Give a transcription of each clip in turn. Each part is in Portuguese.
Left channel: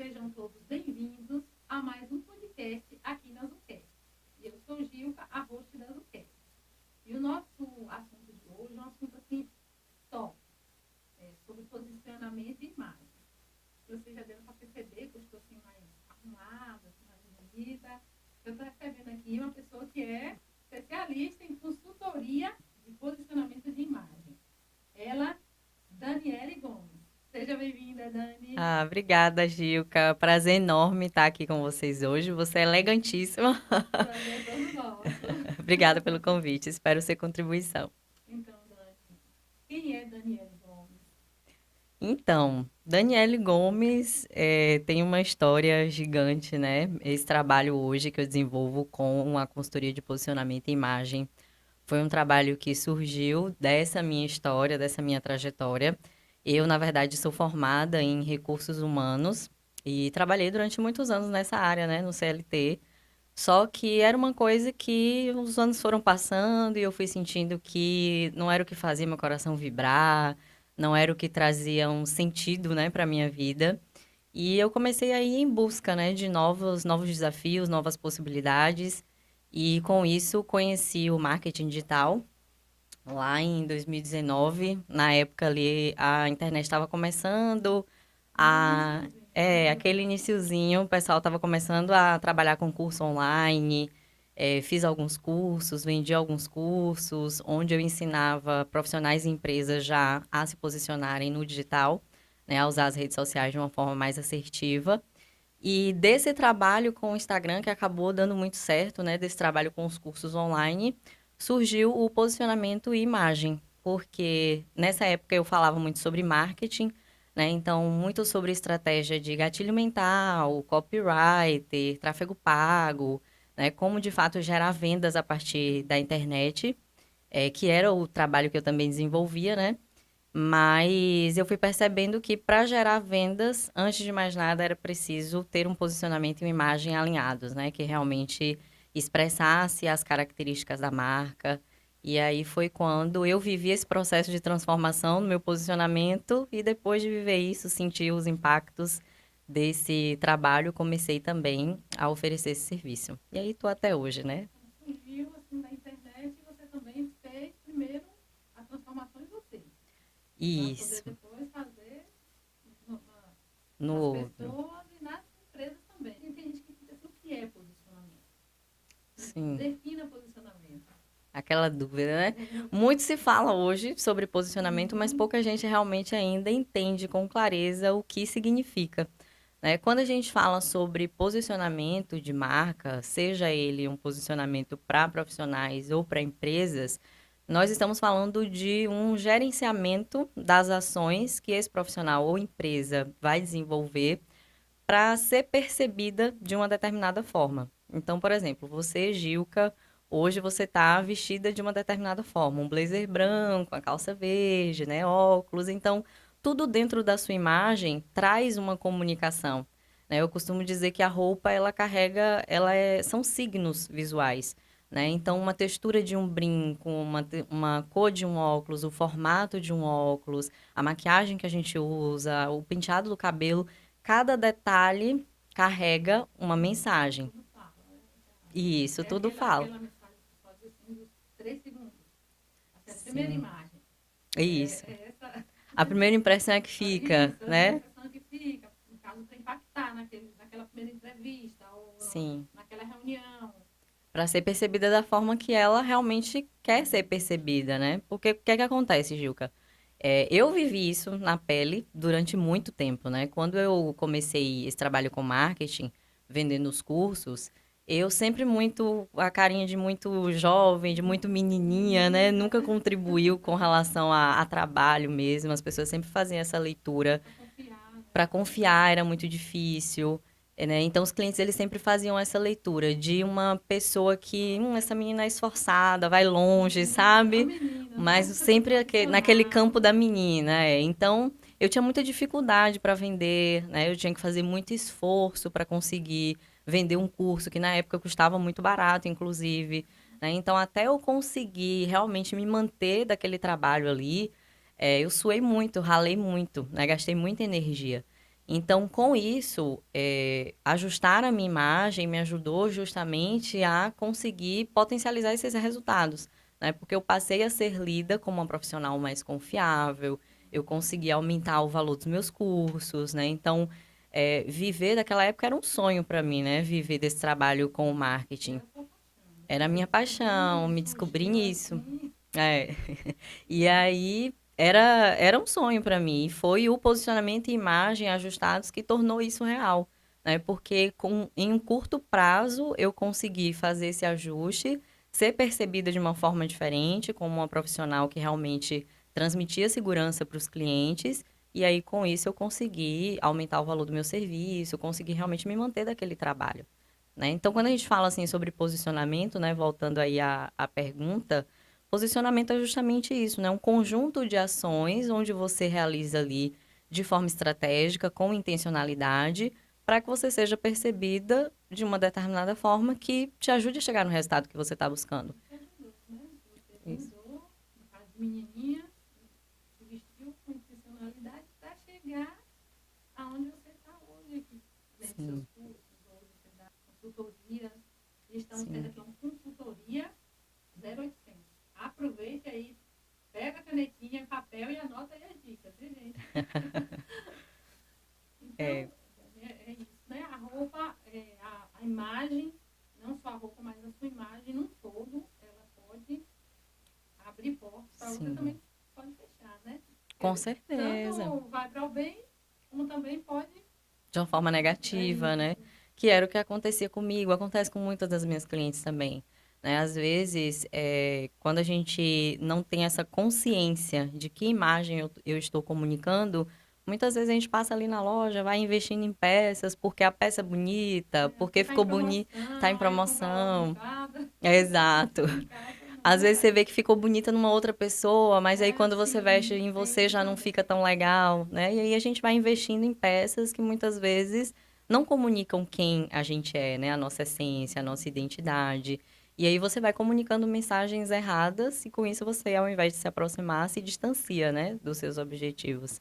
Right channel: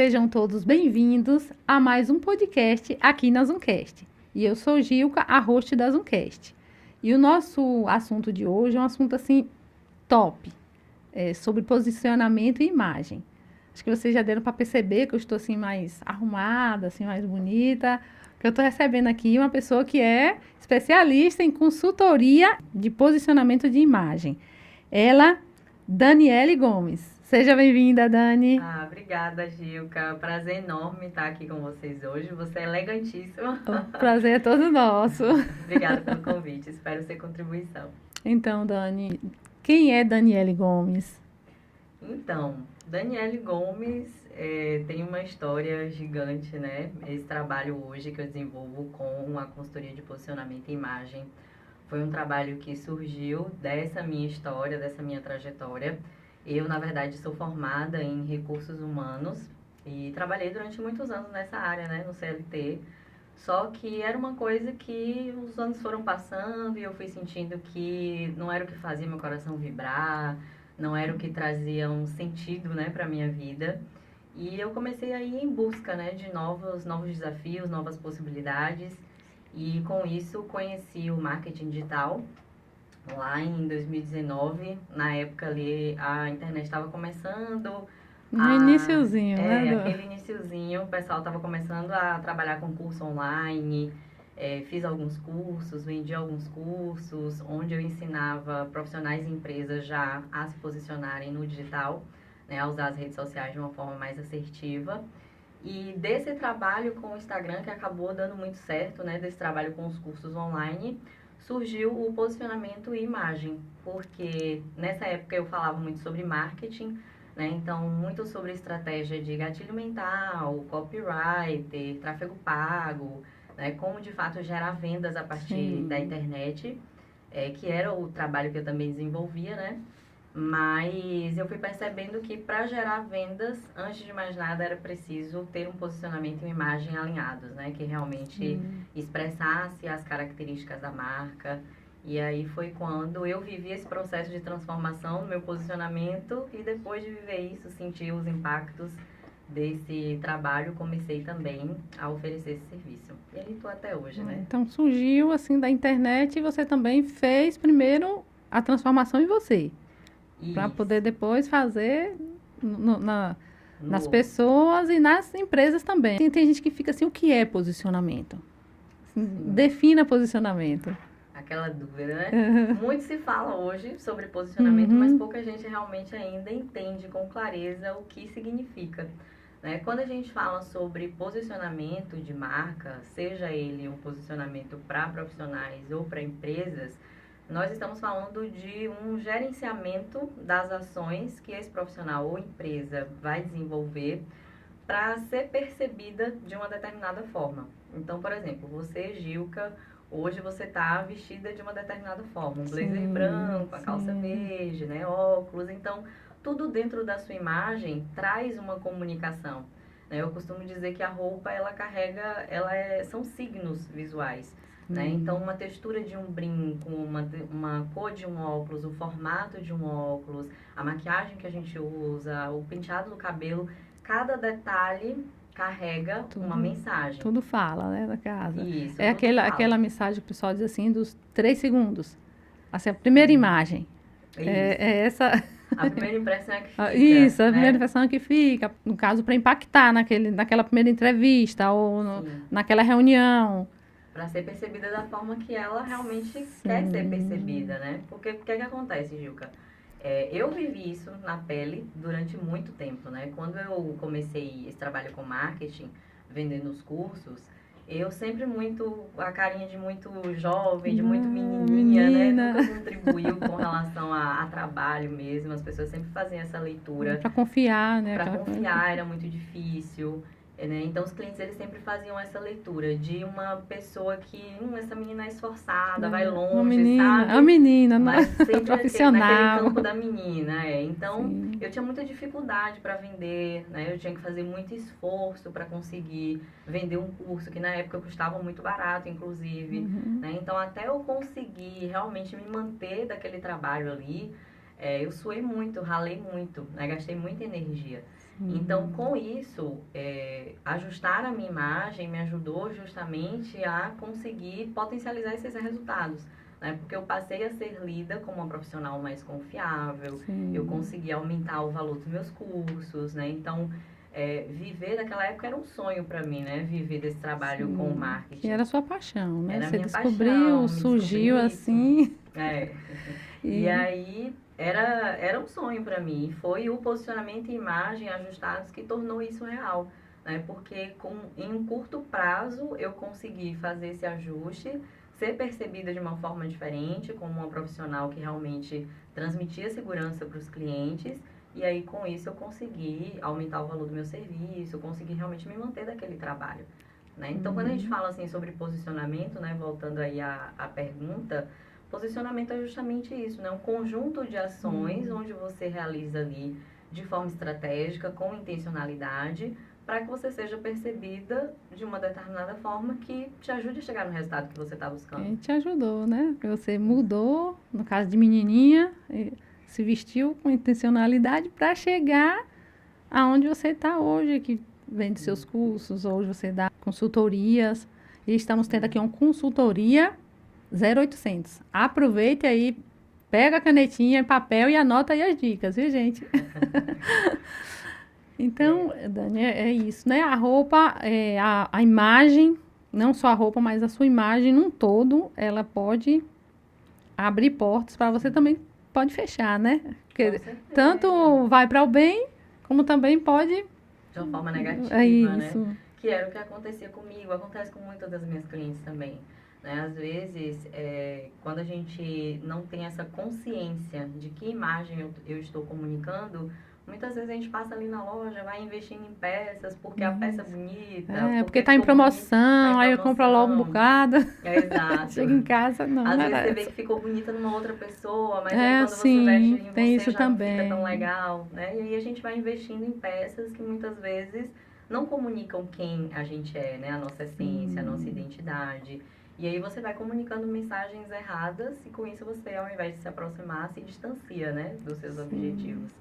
sejam todos bem-vindos a mais um podcast aqui na Zoomcast. E eu sou Gilca, a host da Zoomcast. E o nosso assunto de hoje é um assunto assim top, sobre posicionamento e imagem. Acho que vocês já deram para perceber que eu estou assim mais arrumada, assim mais bonita, que eu estou recebendo aqui uma pessoa que é especialista em consultoria de posicionamento de imagem. Ela, Daniele Gomes. Seja bem-vinda, Dani. Obrigada, Gilca. Prazer enorme estar aqui com vocês hoje. Você é elegantíssima. O prazer é todo nosso. Obrigada pelo convite. Espero ser contribuição. Então, Dani, quem é Daniele Gomes? Então, Daniele Gomes tem uma história gigante, né? Esse trabalho hoje que eu desenvolvo com a consultoria de posicionamento e imagem foi um trabalho que surgiu dessa minha história, dessa minha trajetória. Eu, na verdade, sou formada em recursos humanos e trabalhei durante muitos anos nessa área, né, no CLT. Só que era uma coisa que os anos foram passando e eu fui sentindo que não era o que fazia meu coração vibrar, não era o que trazia um sentido, né, para minha vida. E eu comecei a ir em busca, né, de novos desafios, novas possibilidades. E com isso conheci o marketing digital lá em 2019. Na época ali a internet estava começando, No iniciozinho, né? aquele iniciozinho, o pessoal estava começando a trabalhar com curso online. Fiz alguns cursos, vendi alguns cursos, onde eu ensinava profissionais e empresas já a se posicionarem no digital, né, a usar as redes sociais de uma forma mais assertiva. E desse trabalho com o Instagram, que acabou dando muito certo, né? Desse trabalho com os cursos online, surgiu o posicionamento e imagem. Porque nessa época eu falava muito sobre marketing, né? Então, muito sobre estratégia de gatilho mental, copywriter, tráfego pago, né? Como, de fato, gerar vendas a partir da Sim. internet, que era o trabalho que eu também desenvolvia, né? Mas eu fui percebendo que para gerar vendas, antes de mais nada, era preciso ter um posicionamento e uma imagem alinhados, né? Que realmente expressasse as características da marca. E aí foi quando eu vivi esse processo de transformação no meu posicionamento e depois de viver isso, sentir os impactos desse trabalho, comecei também a oferecer esse serviço. E aí tô até hoje, né? Então surgiu assim da internet e você também fez primeiro a transformação em você, para poder Isso, depois fazer nas no outro. pessoas e nas empresas também. Tem gente que fica assim, o que é posicionamento? Sim. Defina posicionamento. Aquela dúvida, né? Muito se fala hoje sobre posicionamento, mas Uhum. pouca gente realmente ainda entende com clareza o que significa, né? Quando a gente fala sobre posicionamento de marca, seja ele um posicionamento para profissionais ou para empresas, nós estamos falando de um gerenciamento das ações que esse profissional ou empresa vai desenvolver para ser percebida de uma determinada forma. Então, por exemplo, você, Gilca, hoje você está vestida de uma determinada forma, um blazer Sim, branco, a calça sim. verde, né, óculos. Então, tudo dentro da sua imagem traz uma comunicação. Né? Eu costumo dizer que a roupa ela carrega, são signos visuais. Né? Então, uma textura de um brinco, uma cor de um óculos, o formato de um óculos, a maquiagem que a gente usa, o penteado do cabelo, cada detalhe carrega uma Tudo, mensagem. tudo fala, né, da casa. E isso, É tudo fala. aquela mensagem que o pessoal diz assim, dos 3 segundos. Assim, a primeira Sim, imagem. é É, isso. é essa. A primeira impressão é que fica, Isso, a primeira né? impressão que fica, no caso, para impactar naquela primeira entrevista ou Sim. naquela reunião. Para ser percebida da forma que ela realmente quer ser Sim. percebida, né? Porque o que é que acontece, Gilca? Eu vivi isso na pele durante muito tempo, né? Quando eu comecei esse trabalho com marketing, vendendo os cursos, eu sempre muito, a carinha de muito jovem, de muito menininha, né? Menina, Nunca contribuiu com relação a trabalho mesmo. As pessoas sempre faziam essa leitura para confiar, né? para Aquela coisa. confiar era muito difícil, né? Então, os clientes, eles sempre faziam essa leitura de uma pessoa que, essa menina é esforçada, vai longe, É uma sabe? menina, não é? Mas sempre naquele Profissional. campo da menina, Então, Sim. eu tinha muita dificuldade para vender, né? Eu tinha que fazer muito esforço para conseguir vender um curso que na época custava muito barato, inclusive, né? Então, até eu conseguir realmente me manter daquele trabalho ali, eu suei muito, ralei muito, né? Gastei muita energia. Então, com isso, ajustar a minha imagem me ajudou justamente a conseguir potencializar esses resultados, né? Porque eu passei a ser lida como uma profissional mais confiável, eu consegui aumentar o valor dos meus cursos, né? Então, viver daquela época era um sonho para mim, né? Viver desse trabalho com o E marketing. era a sua paixão, né? Era a Você minha descobriu, paixão, me descobri surgiu nisso. assim. É. E E aí era um sonho para mim. E foi o posicionamento e imagem ajustados que tornou isso real, né? Porque em um curto prazo eu consegui fazer esse ajuste, ser percebida de uma forma diferente, como uma profissional que realmente transmitia segurança para os clientes. E aí, com isso, eu consegui aumentar o valor do meu serviço, eu consegui realmente me manter daquele trabalho, né? Então, quando a gente fala assim sobre posicionamento, né, voltando aí à pergunta, posicionamento é justamente isso, né? Um conjunto de ações onde você realiza ali de forma estratégica, com intencionalidade, para que você seja percebida de uma determinada forma que te ajude a chegar no resultado que você está buscando. te ajudou, né? Porque você Isso. mudou, no caso de menininha, se vestiu com intencionalidade para chegar aonde você está hoje, que vende seus Sim, cursos, hoje você dá consultorias. E estamos tendo sim. aqui uma consultoria 0800. Aproveite aí, pega a canetinha, papel e anota aí as dicas, viu, gente? É, Então, Dani, é isso, né? A roupa, a imagem, não só a roupa, mas a sua imagem num todo, ela pode abrir portas para você sim. também pode fechar, né? Com Porque certeza. tanto vai para o bem, como também pode. De uma forma É negativa, né? isso. Que era o que acontecia comigo, acontece com muitas das minhas clientes também. Né? Às vezes, quando a gente não tem essa consciência de que imagem eu estou comunicando, muitas vezes a gente passa ali na loja, vai investindo em peças, porque a peça é bonita, É, porque porque tá em ficou bonita, tá em promoção, aí eu compro logo um promoção. bocado. Exato. Chega em casa, não, Às não vezes era você vê essa. que ficou bonita numa outra pessoa, mas aí É, quando você veste sim, em tem você isso já não fica tão também. legal, né? E aí a gente vai investindo em peças que muitas vezes não comunicam quem a gente é, né? A nossa essência, a nossa identidade. E aí você vai comunicando mensagens erradas e com isso você, ao invés de se aproximar, se distancia, né? Dos seus objetivos.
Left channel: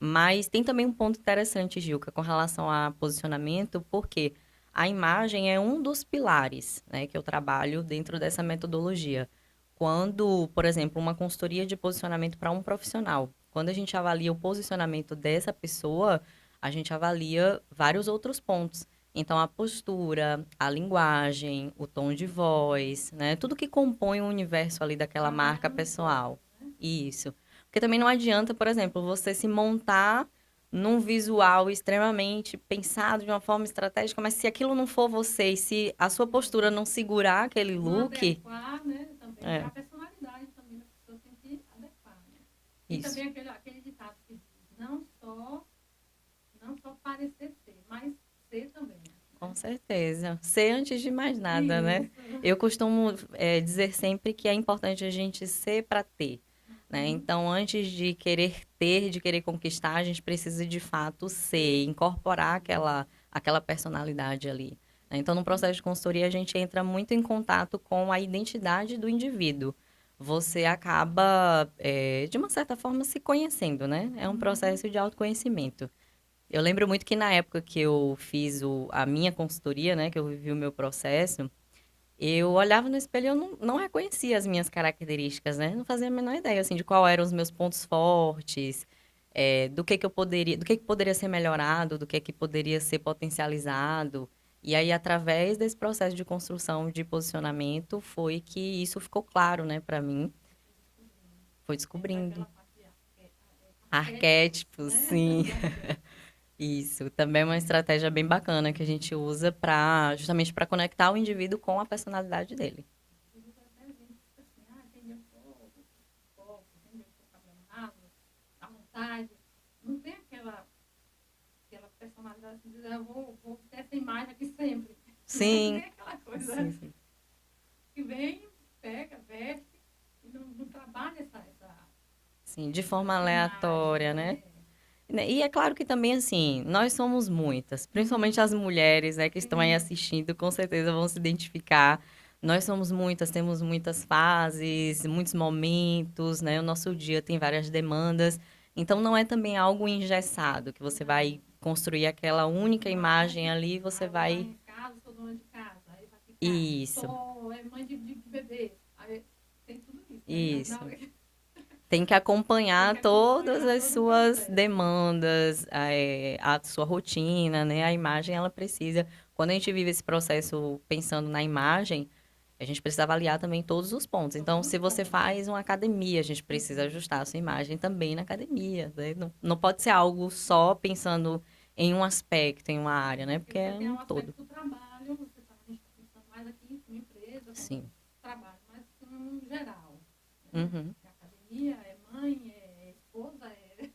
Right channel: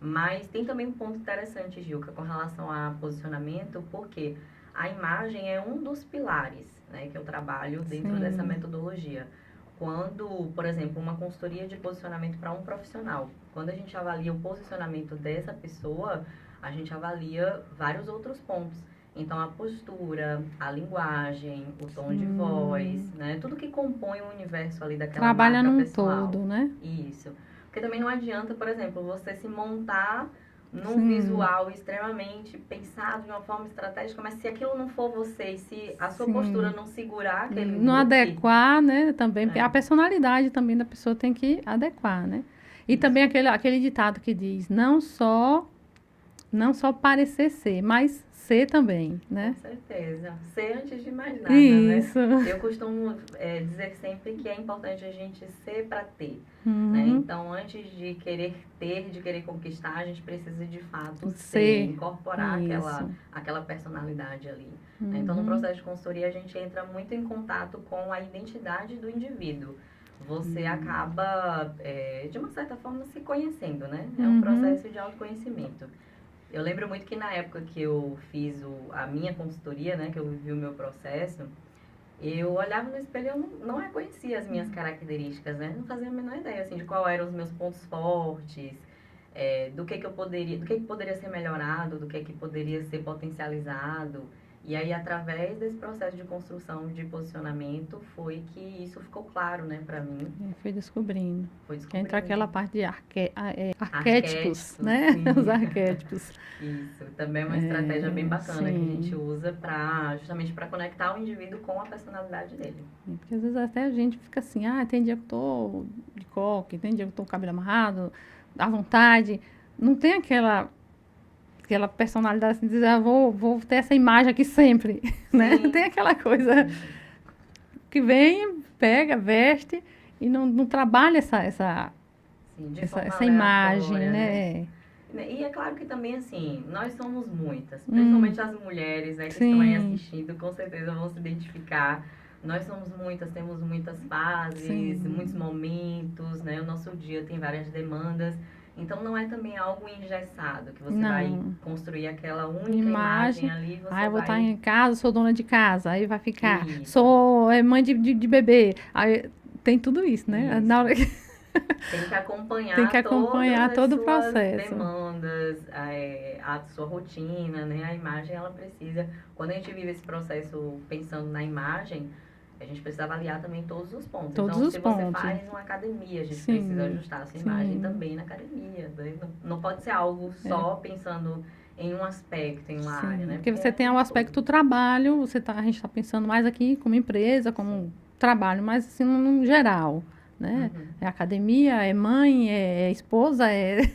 Mas tem também um ponto interessante, Gilca, com relação a posicionamento, porque a imagem é um dos pilares, né, que eu trabalho dentro dessa Sim. metodologia. Quando, por exemplo, uma consultoria de posicionamento para um profissional, quando a gente avalia o posicionamento dessa pessoa, a gente avalia vários outros pontos. Então, a postura, a linguagem, o tom de voz, né? Tudo que compõe o universo ali daquela Trabalha marca num pessoal. todo, né? Isso. Porque também não adianta, por exemplo, você se montar num Sim, visual extremamente pensado de uma forma estratégica, mas se aquilo não for você e se a sua postura sim. não segurar aquele Não look, adequar, né? Também, porque a é, personalidade também da pessoa tem que adequar, né? E também isso, aquele ditado que diz, não só parecer ser, mas ser também, com né? certeza. Ser antes de mais nada, né? Isso. Eu costumo dizer sempre que é importante a gente ser para ter. Né? Uhum. Então, antes de querer ter, de querer conquistar, a gente precisa de fato ser, Ser. incorporar Isso. aquela personalidade ali. Né? Então, no Uhum. processo de consultoria, a gente entra muito em contato com a identidade do indivíduo. Você acaba, de uma certa forma, se conhecendo, né? É um Uhum. processo de autoconhecimento. Eu lembro muito que na época que eu fiz a minha consultoria, né, que eu vivi o meu processo, eu olhava no espelho e eu não reconhecia as minhas características, né? Não fazia a menor ideia, assim, de qual eram os meus pontos fortes, do que poderia ser melhorado, do que poderia ser potencializado. E aí, através desse processo de construção de posicionamento, foi que isso ficou claro, né, para mim. Eu fui descobrindo. Foi Que entra aquela descobrindo. parte de arquétipos, Arquétipos, né? Os sim. arquétipos. Isso, também é uma estratégia bem É, bacana que a gente sim. usa para justamente para conectar o indivíduo com a personalidade dele. Porque às vezes até a gente fica assim, tem dia que eu tô de coque, tem dia que eu tô com o cabelo amarrado, à vontade. Não tem aquela personalidade assim, de dizer, vou ter essa imagem aqui sempre, né? Tem Sim, aquela coisa sim, que vem, pega, veste e não trabalha sim, de essa, forma essa imagem, aleatória, né? né? E é claro que também, assim, nós somos muitas, Hum, principalmente as mulheres, né, que estão aí sim, assistindo, com certeza vão se identificar. Nós somos muitas, temos muitas fases, muitos sim. momentos, né? O nosso dia tem várias demandas. Então, não é também algo engessado, que você vai Não. construir aquela única imagem Imagem. ali, Ah, você eu vou estar vai... em casa, sou dona de casa, aí vai ficar. Isso, Sou mãe de bebê. Aí tem tudo isso, né? Na isso. hora que Tem que tem que acompanhar todas acompanhar as todo o suas processo. demandas, a sua rotina, né? A imagem, ela precisa... Quando a gente vive esse processo pensando na imagem, a gente precisa avaliar também todos os pontos. Todos Então, os se você pontos. faz uma academia, a gente precisa Sim, ajustar a sua imagem sim, também na academia, né? Não pode ser algo é, só pensando em um aspecto, em uma área, sim. né? Porque Porque você é tem um o todo. aspecto do trabalho, a gente está pensando mais aqui como empresa, Sim. como trabalho, mas assim, no geral, né? Uhum. É academia, é mãe, é esposa, é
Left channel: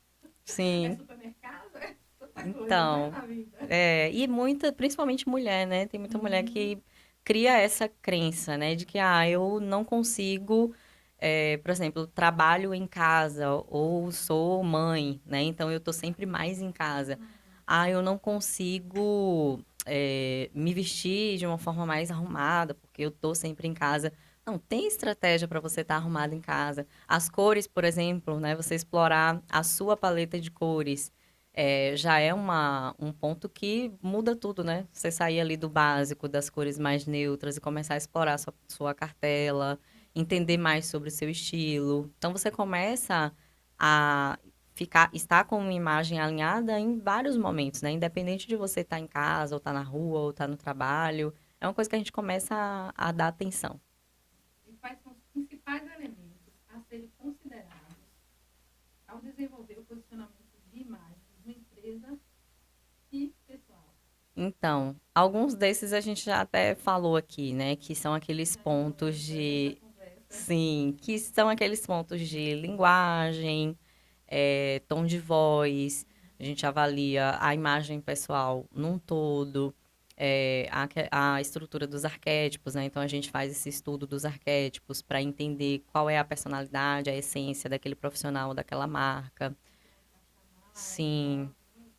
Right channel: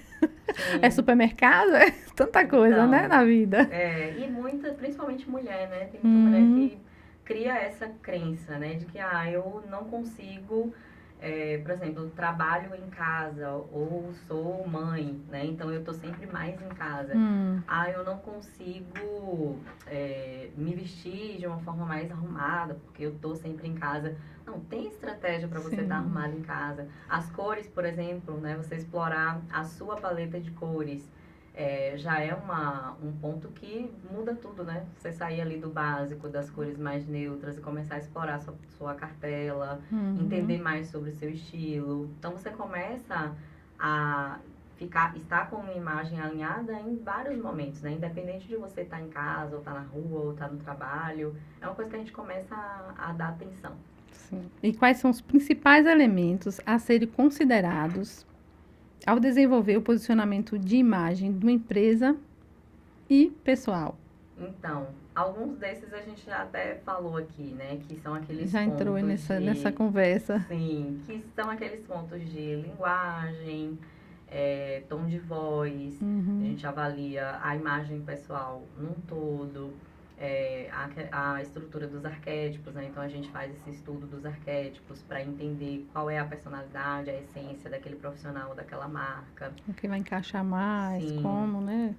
Sim. supermercado, é tanta coisa, né, Então, na vida. e muita, principalmente mulher, né? Tem muita mulher Uhum, que cria essa crença, né? De que, eu não consigo, por exemplo, trabalho em casa ou sou mãe, né? Então, eu tô sempre mais em casa. hum, Eu não consigo, me vestir de uma forma mais arrumada, porque eu tô sempre em casa. Não, tem estratégia para você estar sim. arrumado em casa. As cores, por exemplo, né? Você explorar a sua paleta de cores já é um ponto que muda tudo, né? Você sair ali do básico, das cores mais neutras e começar a explorar a sua cartela, Uhum. entender mais sobre o seu estilo. Então, você começa a estar com uma imagem alinhada em vários momentos, né? Independente de você estar em casa, ou estar na rua, ou estar no trabalho. É uma coisa que a gente começa a dar atenção. Sim. E quais são os principais elementos a serem considerados ao desenvolver o posicionamento de imagem de uma empresa e pessoal? Então, alguns desses a gente já até falou aqui, né? Que são aqueles Já entrou aí pontos nessa de... conversa. Sim, que são aqueles pontos de linguagem, tom de voz. A Uhum. gente avalia a imagem pessoal num todo, a estrutura dos arquétipos, né? Então, a gente faz esse estudo dos arquétipos para entender qual é a personalidade, a essência daquele profissional, daquela marca. O que vai encaixar mais, Sim, como, né?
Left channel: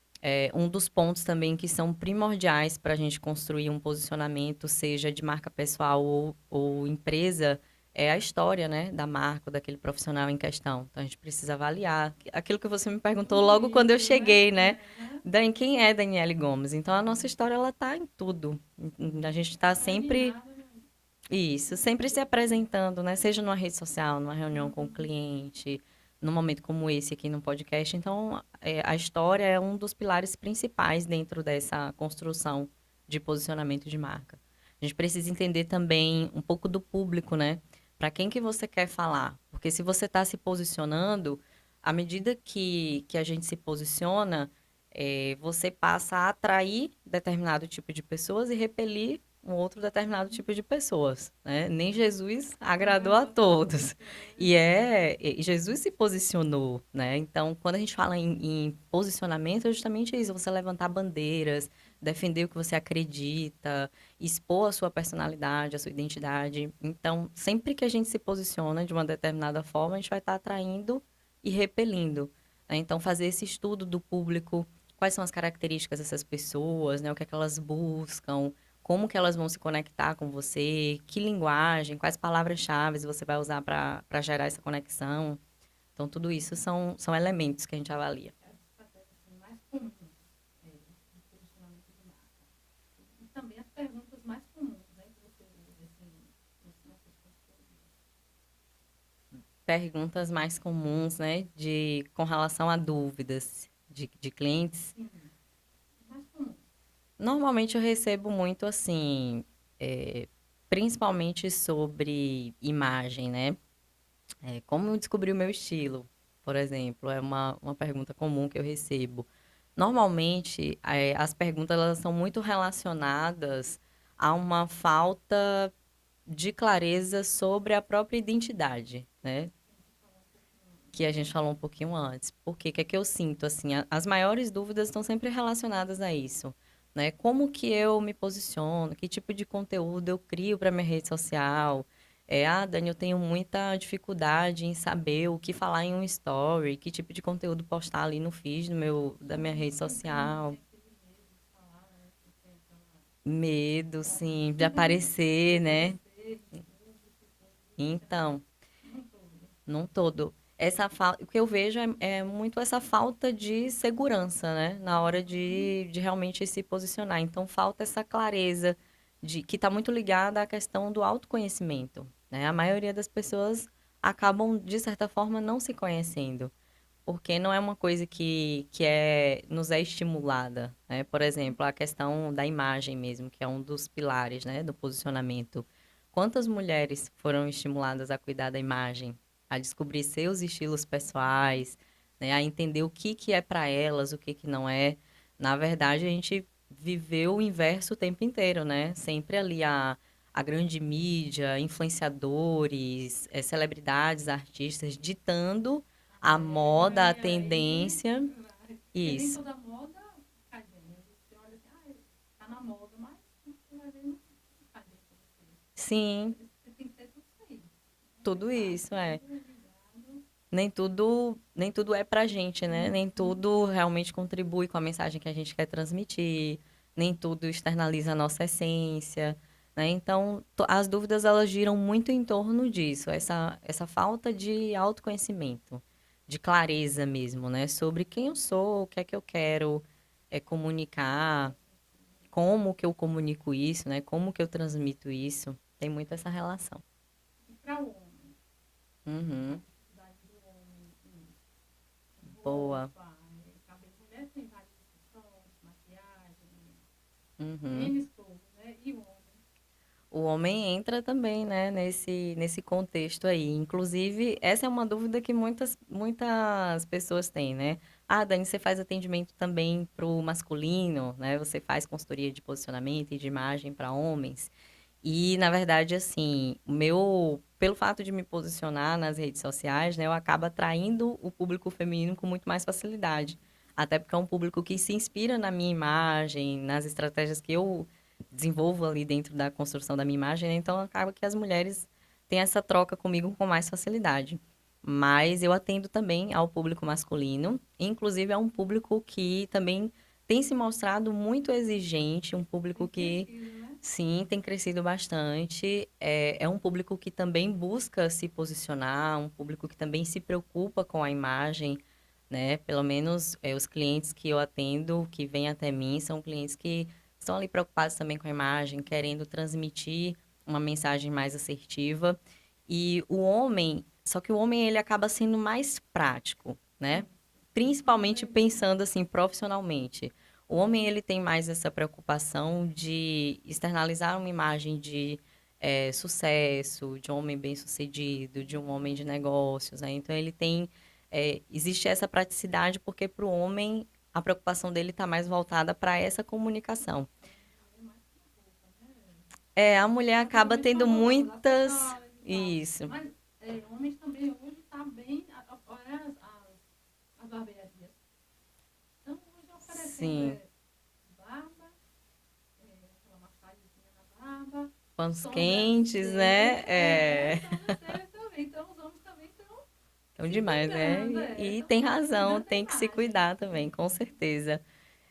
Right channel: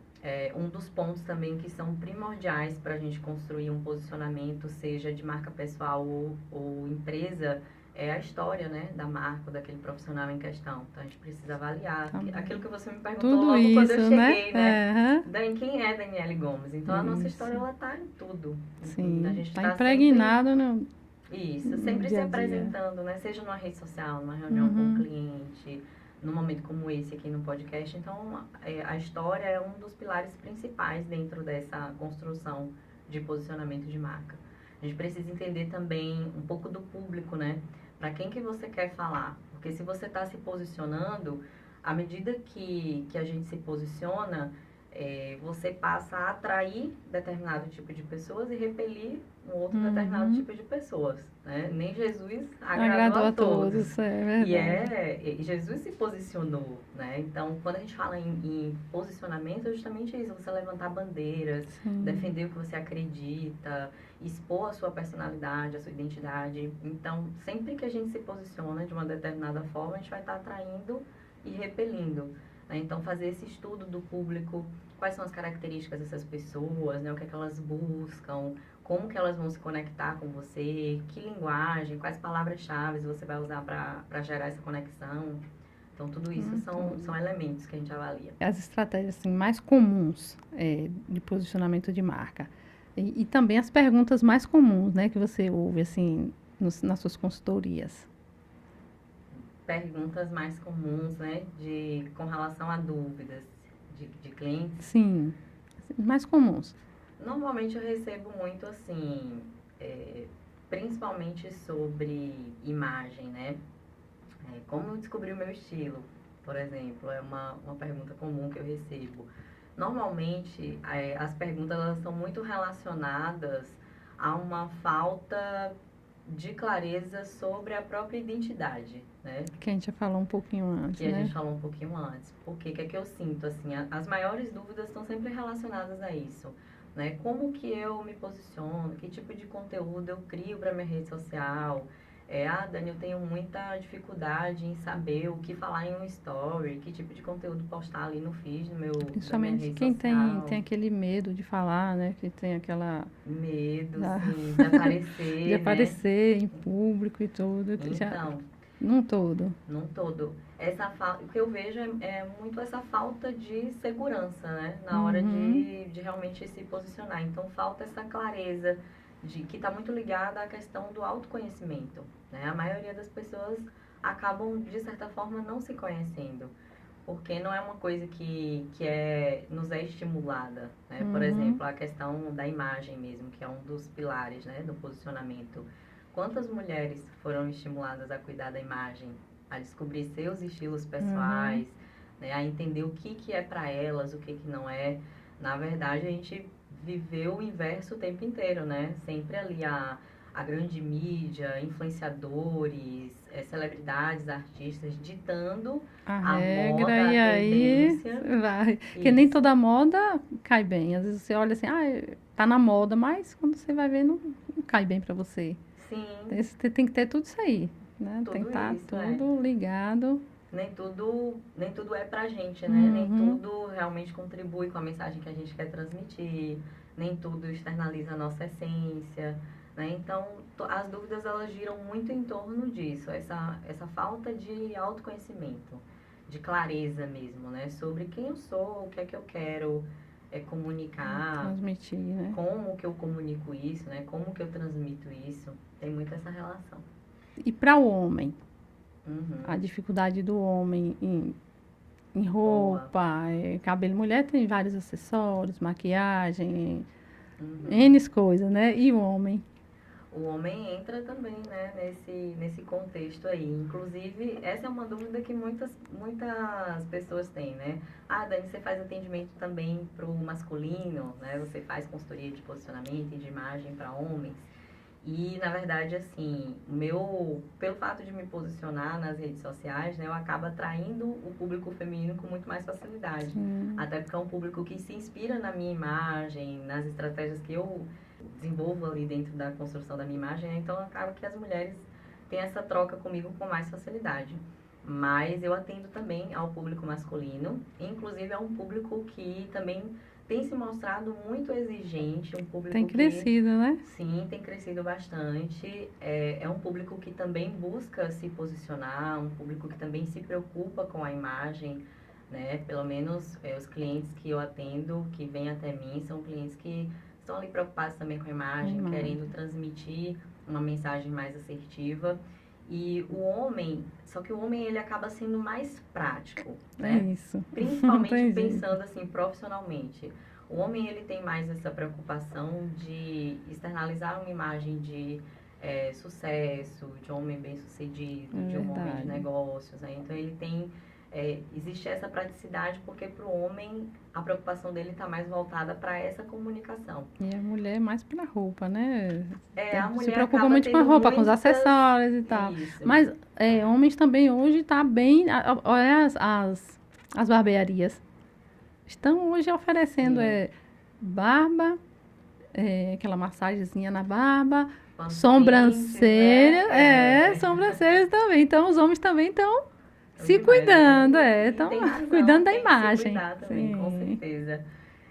um dos pontos também que são primordiais para a gente construir um posicionamento, seja de marca pessoal ou empresa, é a história, né, da marca, ou daquele profissional em questão. Então, a gente precisa avaliar. Aquilo Também. que você me perguntou Tudo logo quando eu isso, né? cheguei, né? É, Quem é Daniele Gomes? Então, a nossa história, isso. ela tá em tudo. A Sim. gente Está está sempre... impregnado Isso, no sempre se dia a dia. apresentando, né? Seja numa rede social, numa reunião com o Uhum. cliente, num momento como esse aqui no podcast. Então, a história é um dos pilares principais dentro dessa construção de posicionamento de marca. A gente precisa entender também um pouco do público, né? Para quem que você quer falar? Porque se você está se posicionando, à medida que a gente se posiciona, você passa a atrair determinado tipo de pessoas e repelir um outro determinado Uhum. tipo de pessoas, né? Nem Jesus agradou Agradou a a todos. todos, é E verdade. Jesus se posicionou, né? Então, quando a gente fala em posicionamento, é justamente isso, você levantar bandeiras, Sim. defender o que você acredita, expor a sua personalidade, a sua identidade. Então, sempre que a gente se posiciona de uma determinada forma, a gente vai estar atraindo e repelindo, né? Então, fazer esse estudo do público, quais são as características dessas pessoas, né? O que é que elas buscam, como que elas vão se conectar com você, que linguagem, quais palavras-chave você vai usar para gerar essa conexão. Então, tudo isso são Então, elementos que a gente avalia. as estratégias assim, mais comuns de posicionamento de marca. E também as perguntas mais comuns, né, que você ouve assim nas suas consultorias. Perguntas mais comuns, né, com relação a dúvidas de clientes. Sim, mais comuns. Normalmente eu recebo muito assim, principalmente sobre imagem, né? Como eu descobri o meu estilo, por exemplo, é uma pergunta comum que eu recebo. Normalmente, as perguntas elas são muito relacionadas a uma falta de clareza sobre a própria identidade, né? Que a gente já falou um pouquinho Que antes, a né? gente falou um pouquinho antes. Porque que é que eu sinto, assim, as maiores dúvidas estão sempre relacionadas a isso, né? Como que eu me posiciono, que tipo de conteúdo eu crio para minha rede social. Dani, eu tenho muita dificuldade em saber o que falar em um story, que tipo de conteúdo postar ali no feed da minha Principalmente rede quem social. tem aquele medo de falar, né? Que tem aquela Medo, ah, sim, de de aparecer, né? aparecer em público e tudo, que já Então, num todo. num todo. O que eu vejo é muito essa falta de segurança, né? Na hora Uhum, de realmente se posicionar. Então, falta essa clareza que está muito ligada à questão do autoconhecimento, né? A maioria das pessoas acabam, de certa forma, não se conhecendo, porque não é uma coisa nos é estimulada, né? Por uhum. exemplo, a questão da imagem mesmo, que é um dos pilares, né, do posicionamento. Quantas mulheres foram estimuladas a cuidar da imagem, a descobrir seus estilos Uhum. pessoais, né, a entender o que é para elas, o que não é? Na verdade, a gente viveu o inverso o tempo inteiro, né? Sempre ali a grande mídia, influenciadores, celebridades, artistas ditando A a regra, moda, a e aí tendência. vai. Porque nem Isso. toda moda cai bem. Às vezes você olha assim, tá na moda, mas quando você vai ver, não cai bem pra você. Sim, Você tem que ter tudo isso aí, né? Tem que tudo estar isso, é. tudo ligado. Nem tudo é pra gente, né? Nem Uhum. tudo realmente contribui com a mensagem que a gente quer transmitir, nem tudo externaliza a nossa essência, né? Então, as dúvidas elas giram muito em torno disso, essa falta de autoconhecimento, de clareza mesmo, né? Sobre quem eu sou, o que é que eu quero comunicar, Transmitir, né? como que eu comunico isso, né? Como que eu transmito isso? Tem muito essa relação. E para o homem, a Uhum. dificuldade do homem em Boa. roupa, cabelo. Mulher tem vários acessórios, maquiagem, Uhum. N coisas, né? E o homem? O homem entra também, né, nesse contexto aí. Inclusive, essa é uma dúvida que muitas pessoas têm, né? Ah, Dani, você faz atendimento também para o masculino, né? Você faz consultoria de posicionamento e de imagem para homens. E, na verdade, assim, pelo fato de me posicionar nas redes sociais, né, eu acabo atraindo o público feminino com muito mais facilidade. Sim. Até porque é um público que se inspira na minha imagem, nas estratégias que eu desenvolvo ali dentro da construção da minha imagem, né? Então, acaba que as mulheres têm essa troca comigo com mais facilidade. Mas eu atendo também ao público masculino, inclusive é um público que também tem se mostrado muito exigente, um Tem público que crescido, né? sim, tem crescido bastante. É um público que também busca se posicionar, um público que também se preocupa com a imagem, né? Pelo menos os clientes que eu atendo, que vêm até mim, são clientes que estão ali preocupados também com a A imagem, querendo imagem. transmitir uma mensagem mais assertiva. E só que o homem ele acaba sendo mais prático, É né? isso. Não Principalmente tem jeito. pensando assim profissionalmente. O homem ele tem mais essa preocupação de externalizar uma imagem de sucesso, de um homem É bem-sucedido, de um homem de verdade. negócios, né? Então ele existe essa praticidade porque para o homem a preocupação dele está mais voltada para essa comunicação. E a mulher é mais pra roupa, né? A Se mulher preocupa acaba muito com a tendo roupa, com os muitas. acessórios e tal. Isso. Mas homens também hoje tá bem. Olha as barbearias. Estão hoje oferecendo Sim. barba, aquela massagenzinha na barba, Panos quentes, sobrancelha, né? É. sobrancelhas também. Então os homens também estão É se demais, né? cuidando, E estão tem razão, cuidando da tem que se imagem. cuidar também, com Sim, certeza.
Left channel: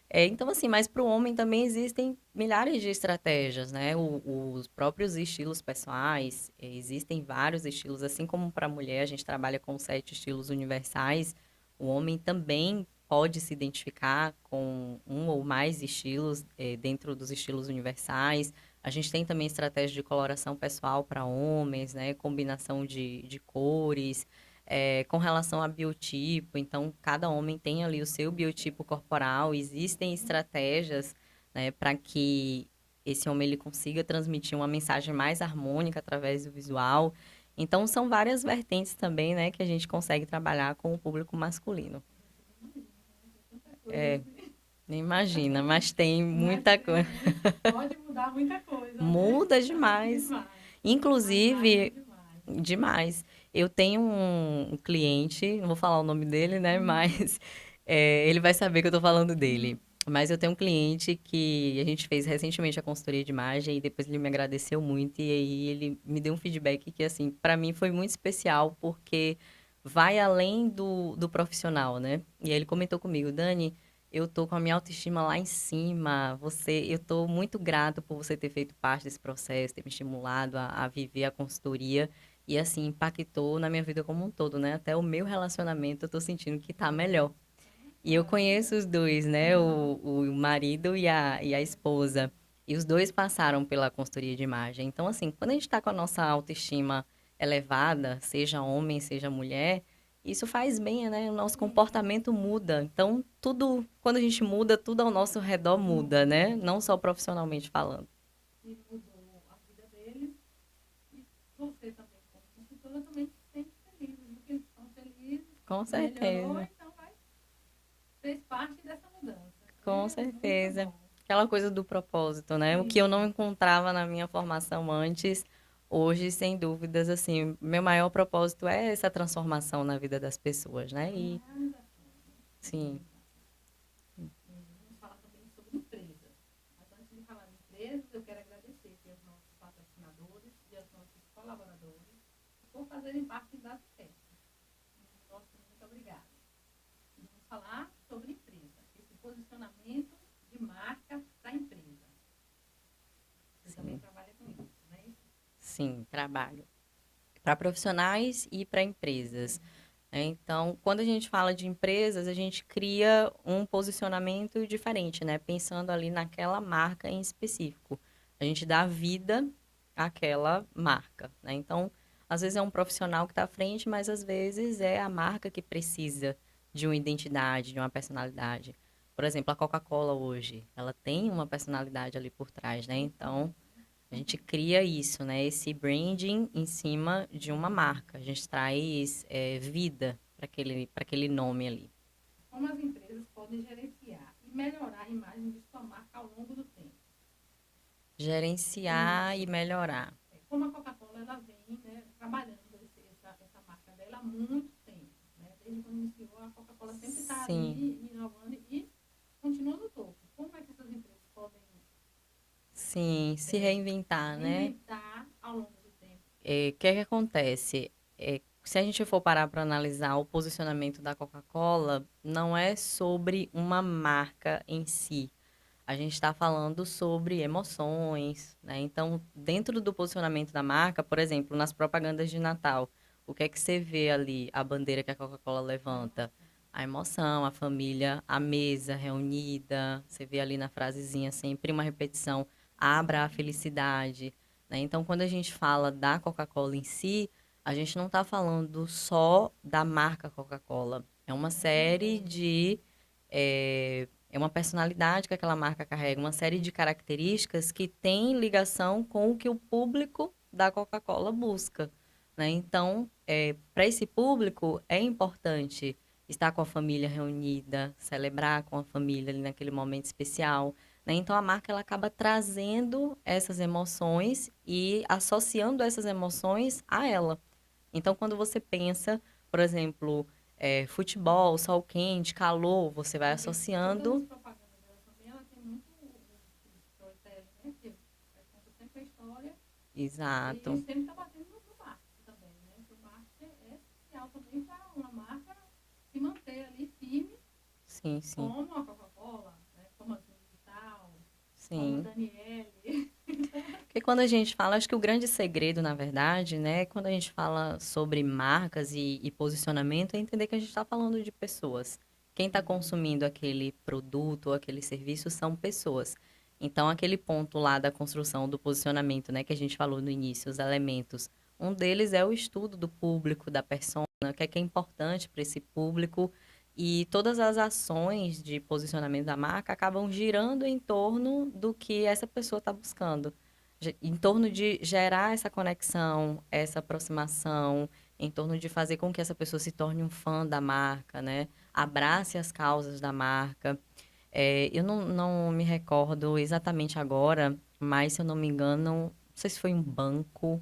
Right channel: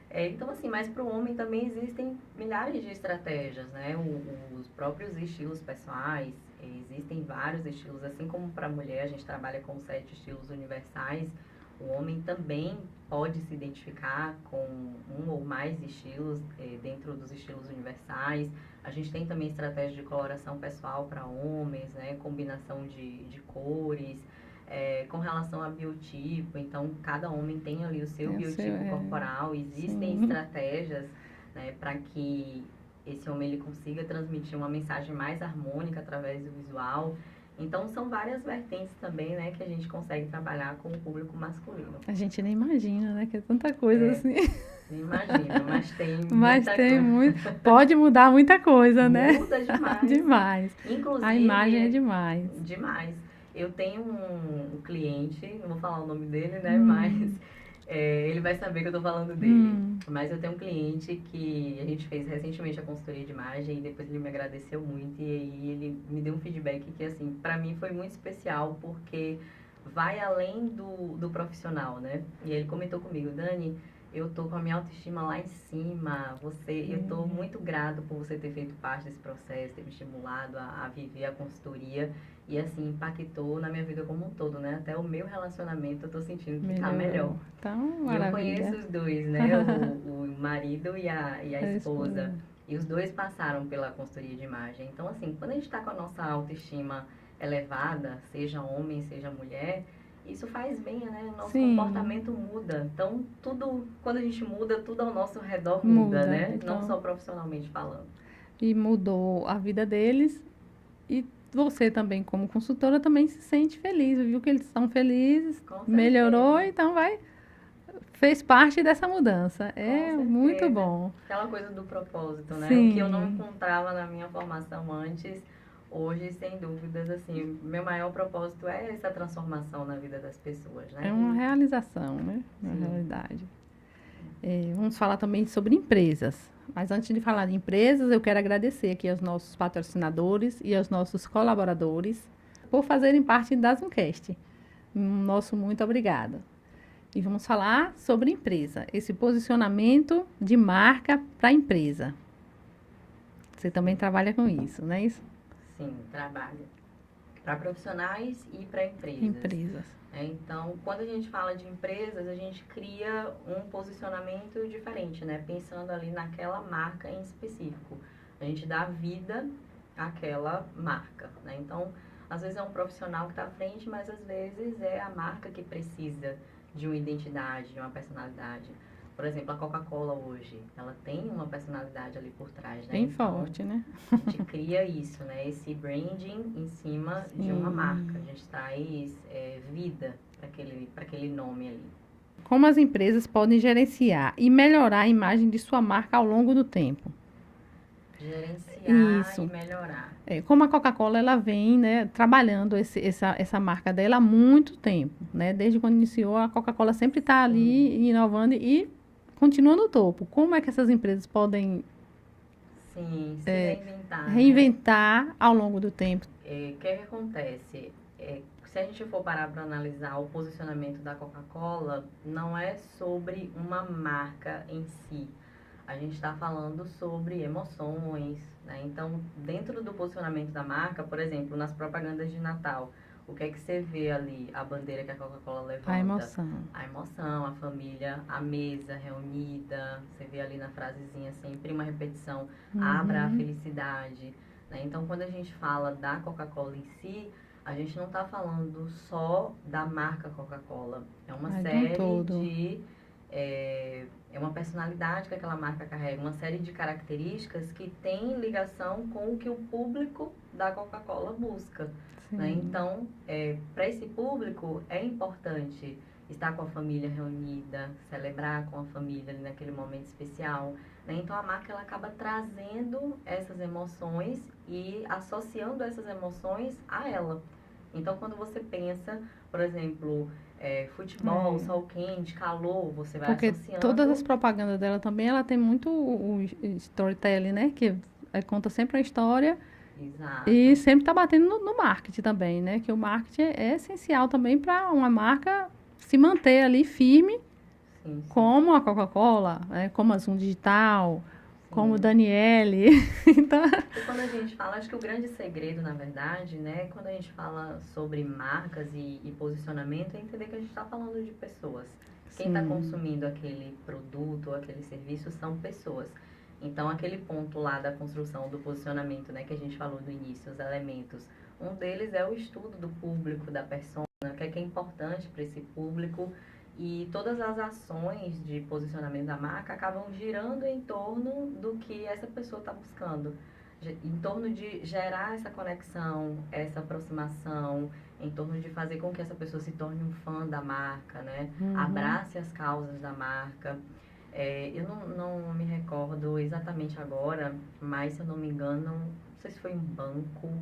Então, assim, mas para o homem também existem milhares de estratégias, né? Os próprios estilos pessoais, existem vários estilos, assim como para a mulher a gente trabalha com 7 estilos universais, o homem também pode se identificar com um ou mais estilos dentro dos estilos universais. A gente tem também estratégia de coloração pessoal para homens, né? Combinação de cores. Com relação a biotipo, então cada homem tem ali o seu eu sei, biotipo corporal, existem sim. estratégias, né, para que esse homem ele consiga transmitir uma mensagem mais harmônica através do visual. Então são várias vertentes também, né, que a gente consegue trabalhar com o público masculino. A gente nem imagina, né? Que é tanta coisa É, assim. nem imagina, mas tem Mas muita tem coisa. muito. Pode mudar muita coisa, né? Muda demais. Demais. A imagem é Inclusive, demais. demais. Eu tenho um cliente, não vou falar o nome dele, né? Hum, Mas ele vai saber que eu tô falando dele. hum. Mas eu tenho um cliente que a gente fez recentemente a consultoria de imagem e depois ele me agradeceu muito e aí ele me deu um feedback que, assim, para mim foi muito especial porque vai além do profissional, né? E aí ele comentou comigo, Dani, eu tô com a minha autoestima lá em cima. Eu tô muito grato por você ter feito parte desse processo, ter me estimulado a viver a consultoria. E, assim, impactou na minha vida como um todo, né? Até o meu relacionamento eu tô sentindo que tá melhor. Melhorou. Então, E eu conheço maravilha. os dois, né? O marido e a A esposa. esposa. E os dois passaram pela consultoria de imagem. Então, assim, quando a gente está com a nossa autoestima elevada, seja homem, seja mulher, isso faz bem, né? O nosso Sim, comportamento muda. Então, tudo, quando a gente muda, tudo ao nosso redor muda, muda. né? Não Então, só profissionalmente falando. e mudou a vida deles. E você também, como consultora, também se sente feliz. Viu que eles estão felizes, Com melhorou, certeza. então fez parte dessa mudança. Com É muito certeza. bom. Aquela coisa do propósito, né? O que eu não Sim, encontrava na minha formação antes, hoje, sem dúvidas, assim, meu maior propósito é essa transformação na vida das pessoas, é né? uma E, realização, né? Na sim, realidade. Vamos falar também sobre empresas. Mas antes de falar de empresas, eu quero agradecer aqui aos nossos patrocinadores e aos nossos colaboradores por fazerem parte da Zoomcast. Nosso muito obrigada. E vamos falar sobre empresa, esse posicionamento de marca para a empresa. Você também sim, trabalha com isso, não é isso? sim, trabalho. Para profissionais e para empresas. Empresas. Né? Então, quando a gente fala de empresas, a gente cria um posicionamento diferente, né? Pensando ali naquela marca em específico. A gente dá vida àquela marca, né? Então, às vezes é um profissional que está à frente, mas às vezes é a marca que precisa de uma identidade, de uma personalidade. Por exemplo, a Coca-Cola hoje, ela tem uma personalidade ali por trás, né? Bem Então, forte, né? a gente cria isso, né? Esse branding em cima de uma marca. A Sim. gente traz vida para aquele nome ali. Como as empresas podem gerenciar e melhorar a imagem de sua marca ao longo do tempo? Gerenciar e Isso. melhorar. Como a Coca-Cola ela vem, né, trabalhando essa marca dela há muito tempo, né? Desde quando iniciou, a Coca-Cola sempre está Sim, ali inovando e continua no topo. Como é que essas empresas podem sim, se reinventar, né? reinventar ao longo do tempo? O que é que acontece? Se a gente for parar para analisar o posicionamento da Coca-Cola, não é sobre uma marca em si. A gente está falando sobre emoções, né? Então, dentro do posicionamento da marca, por exemplo, nas propagandas de Natal, o que é que você vê ali? A bandeira que a Coca-Cola A levanta? emoção. A emoção, a família, a mesa reunida. Você vê ali na frasezinha sempre uma repetição: abra a Uhum. felicidade. Né? Então, quando a gente fala da Coca-Cola em si, a gente não está falando só da marca Coca-Cola. É uma É de um série todo. de. É uma personalidade que aquela marca carrega, uma série de características que tem ligação com o que o público da Coca-Cola busca. Né? Sim. Então, para esse público, é importante estar com a família reunida, celebrar com a família ali naquele momento especial. Né? Então, a marca ela acaba trazendo essas emoções e associando essas emoções a ela. Então, quando você pensa, por exemplo, futebol, É. sol quente, calor, você vai Porque todas as associando. propagandas dela também, ela tem muito o storytelling, né? Que conta sempre a história e Exato. sempre está batendo no marketing também, né? Que o marketing é essencial também para uma marca se manter ali firme, Sim, sim. como a Coca-Cola, né? Como a Zoom Digital, como o Sim. Daniele. Então, Porque quando a gente fala, acho que o grande segredo, na verdade, né, quando a gente fala sobre marcas e posicionamento, é entender que a gente está falando de pessoas. Quem está sim, consumindo aquele produto ou aquele serviço são pessoas. Então, aquele ponto lá da construção do posicionamento, né, que a gente falou no início, os elementos. Um deles é o estudo do público, da persona, o que é importante para esse público. E todas as ações de posicionamento da marca acabam girando em torno do que essa pessoa está buscando em torno de gerar essa conexão, essa aproximação, em torno de fazer com que essa pessoa se torne um fã da marca, né? Abrace as causas da marca. Eu não me recordo exatamente agora, mas se eu não me engano, não sei se foi um banco,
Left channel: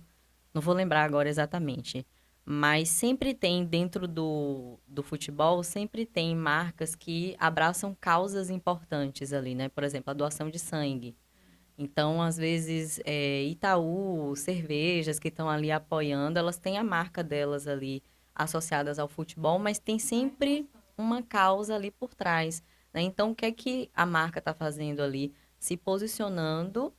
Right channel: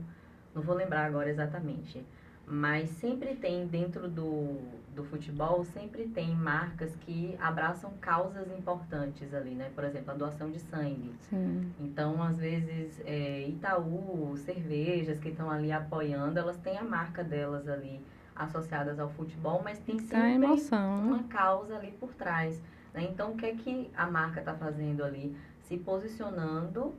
não vou lembrar agora exatamente. Mas sempre tem dentro do futebol, sempre tem marcas que abraçam causas importantes ali, né? Por exemplo, a doação de sangue. sim. Então, às vezes, Itaú, cervejas que estão ali apoiando, elas têm a marca delas ali associadas ao futebol, mas tem A sempre emoção. uma causa ali por trás. Né? Então, o que é que a marca está fazendo ali? Se posicionando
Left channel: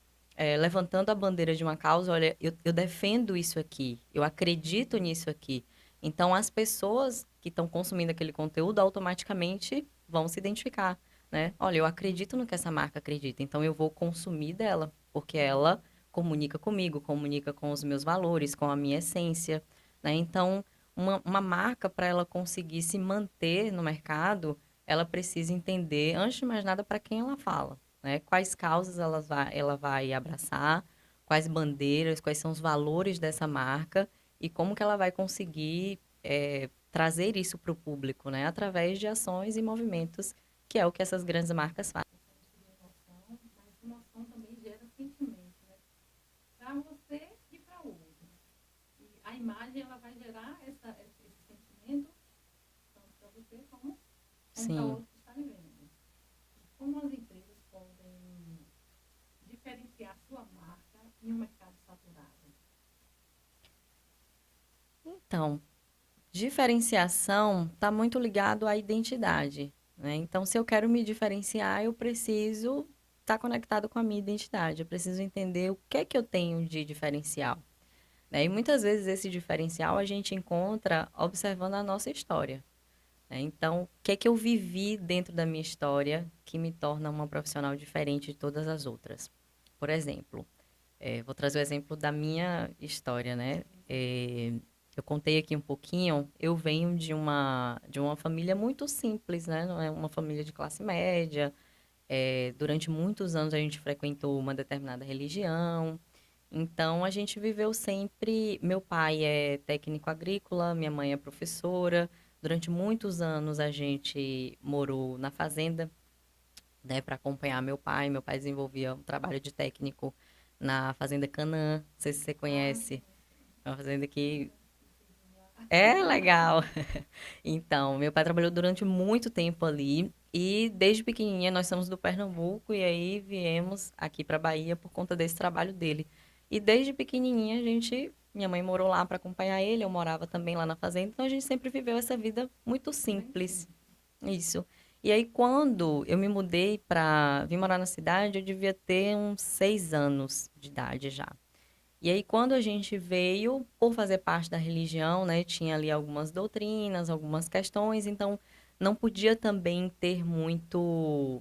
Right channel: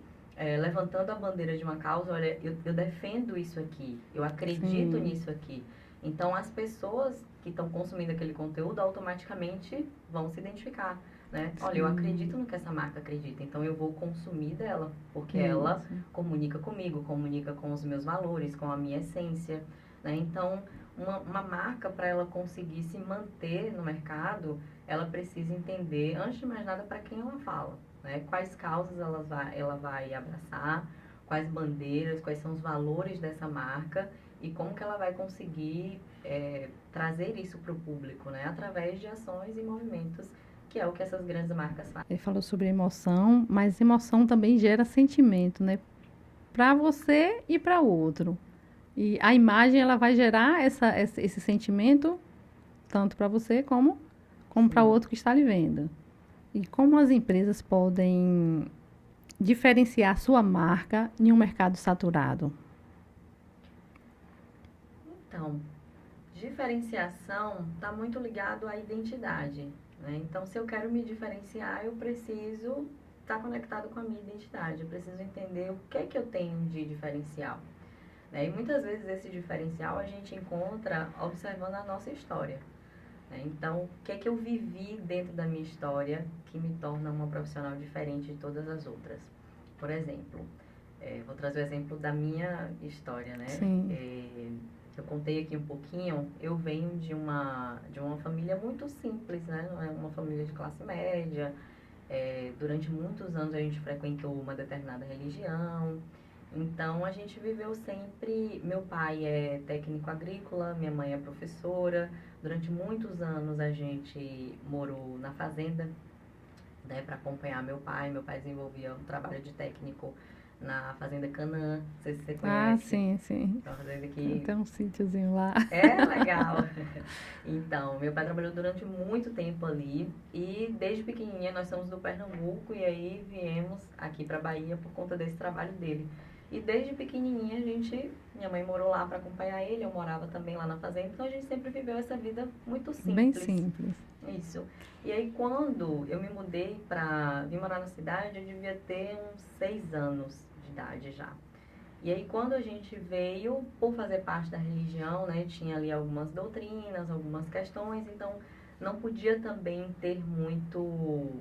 levantando a bandeira de uma causa, olha, eu defendo isso aqui, eu acredito Sim, nisso aqui. Então, as pessoas que estão consumindo aquele conteúdo automaticamente vão se identificar, né? Olha, eu sim, acredito no que essa marca acredita, então eu vou consumir dela, porque ela isso. comunica comigo, comunica com os meus valores, com a minha essência, né? Então, uma marca, para ela conseguir se manter no mercado, ela precisa entender, antes de mais nada, para quem ela fala, né? Quais causas ela vai abraçar, quais bandeiras, quais são os valores dessa marca e como que ela vai conseguir trazer isso para o público, né? Através de ações e movimentos, que é o que essas grandes marcas fazem. Ele falou sobre emoção, mas emoção também gera sentimento, né? Para você e para o outro. E a imagem ela vai gerar esse sentimento tanto para você como para o Sim. outro que está lhe vendo. E como as empresas podem diferenciar sua marca em um mercado saturado? Então, diferenciação está muito ligado à identidade, né? Então, se eu quero me diferenciar, eu preciso estar conectado com a minha identidade. Eu preciso entender o que eu tenho de diferencial, né? E muitas vezes esse diferencial a gente encontra observando a nossa história, né? Então, o que eu vivi dentro da minha história que me torna uma profissional diferente de todas as outras? Por exemplo, vou trazer o exemplo da minha história, né? Sim. Eu contei aqui um pouquinho, eu venho de uma família muito simples, né? Não é uma família de classe média. Durante muitos anos a gente frequentou uma determinada religião. Então a gente viveu sempre. Meu pai é técnico agrícola, minha mãe é professora. Durante muitos anos a gente morou na fazenda, né, para acompanhar meu pai. Meu pai desenvolvia um trabalho de técnico na Fazenda Canaã. Não sei se você Ah, conhece. sim, sim. É uma fazenda que Tem um sítiozinho lá. é legal. Então, meu pai trabalhou durante muito tempo ali e desde pequenininha nós somos do Pernambuco e aí viemos aqui para Bahia por conta desse trabalho dele. E desde pequenininha minha mãe morou lá para acompanhar ele, eu morava também lá na fazenda, então a gente sempre viveu essa vida muito Bem simples. simples. Isso. E aí quando eu me mudei vim morar na cidade, eu devia ter uns 6 anos de idade já. E aí, quando a gente veio, por fazer parte da religião, né, tinha ali algumas doutrinas, algumas questões, então não podia também ter muito,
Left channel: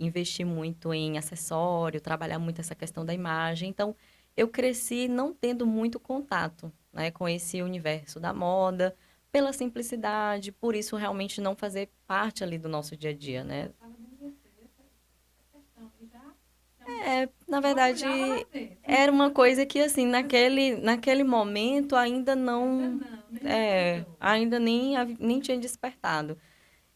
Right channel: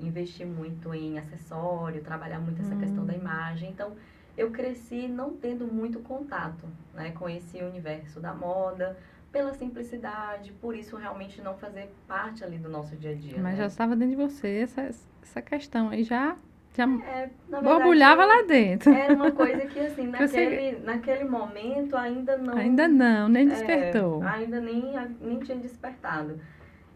investir muito em acessório, trabalhar muito essa questão da Hum, imagem. Então, eu cresci não tendo muito contato, né, com esse universo da moda, pela simplicidade, por isso realmente não fazer parte ali do nosso dia a dia, mas já né? estava dentro de você essa questão aí já Na borbulhava lá verdade, dentro. era uma coisa que, assim, Você naquele momento ainda ainda não, não, nem despertou. ainda nem tinha despertado.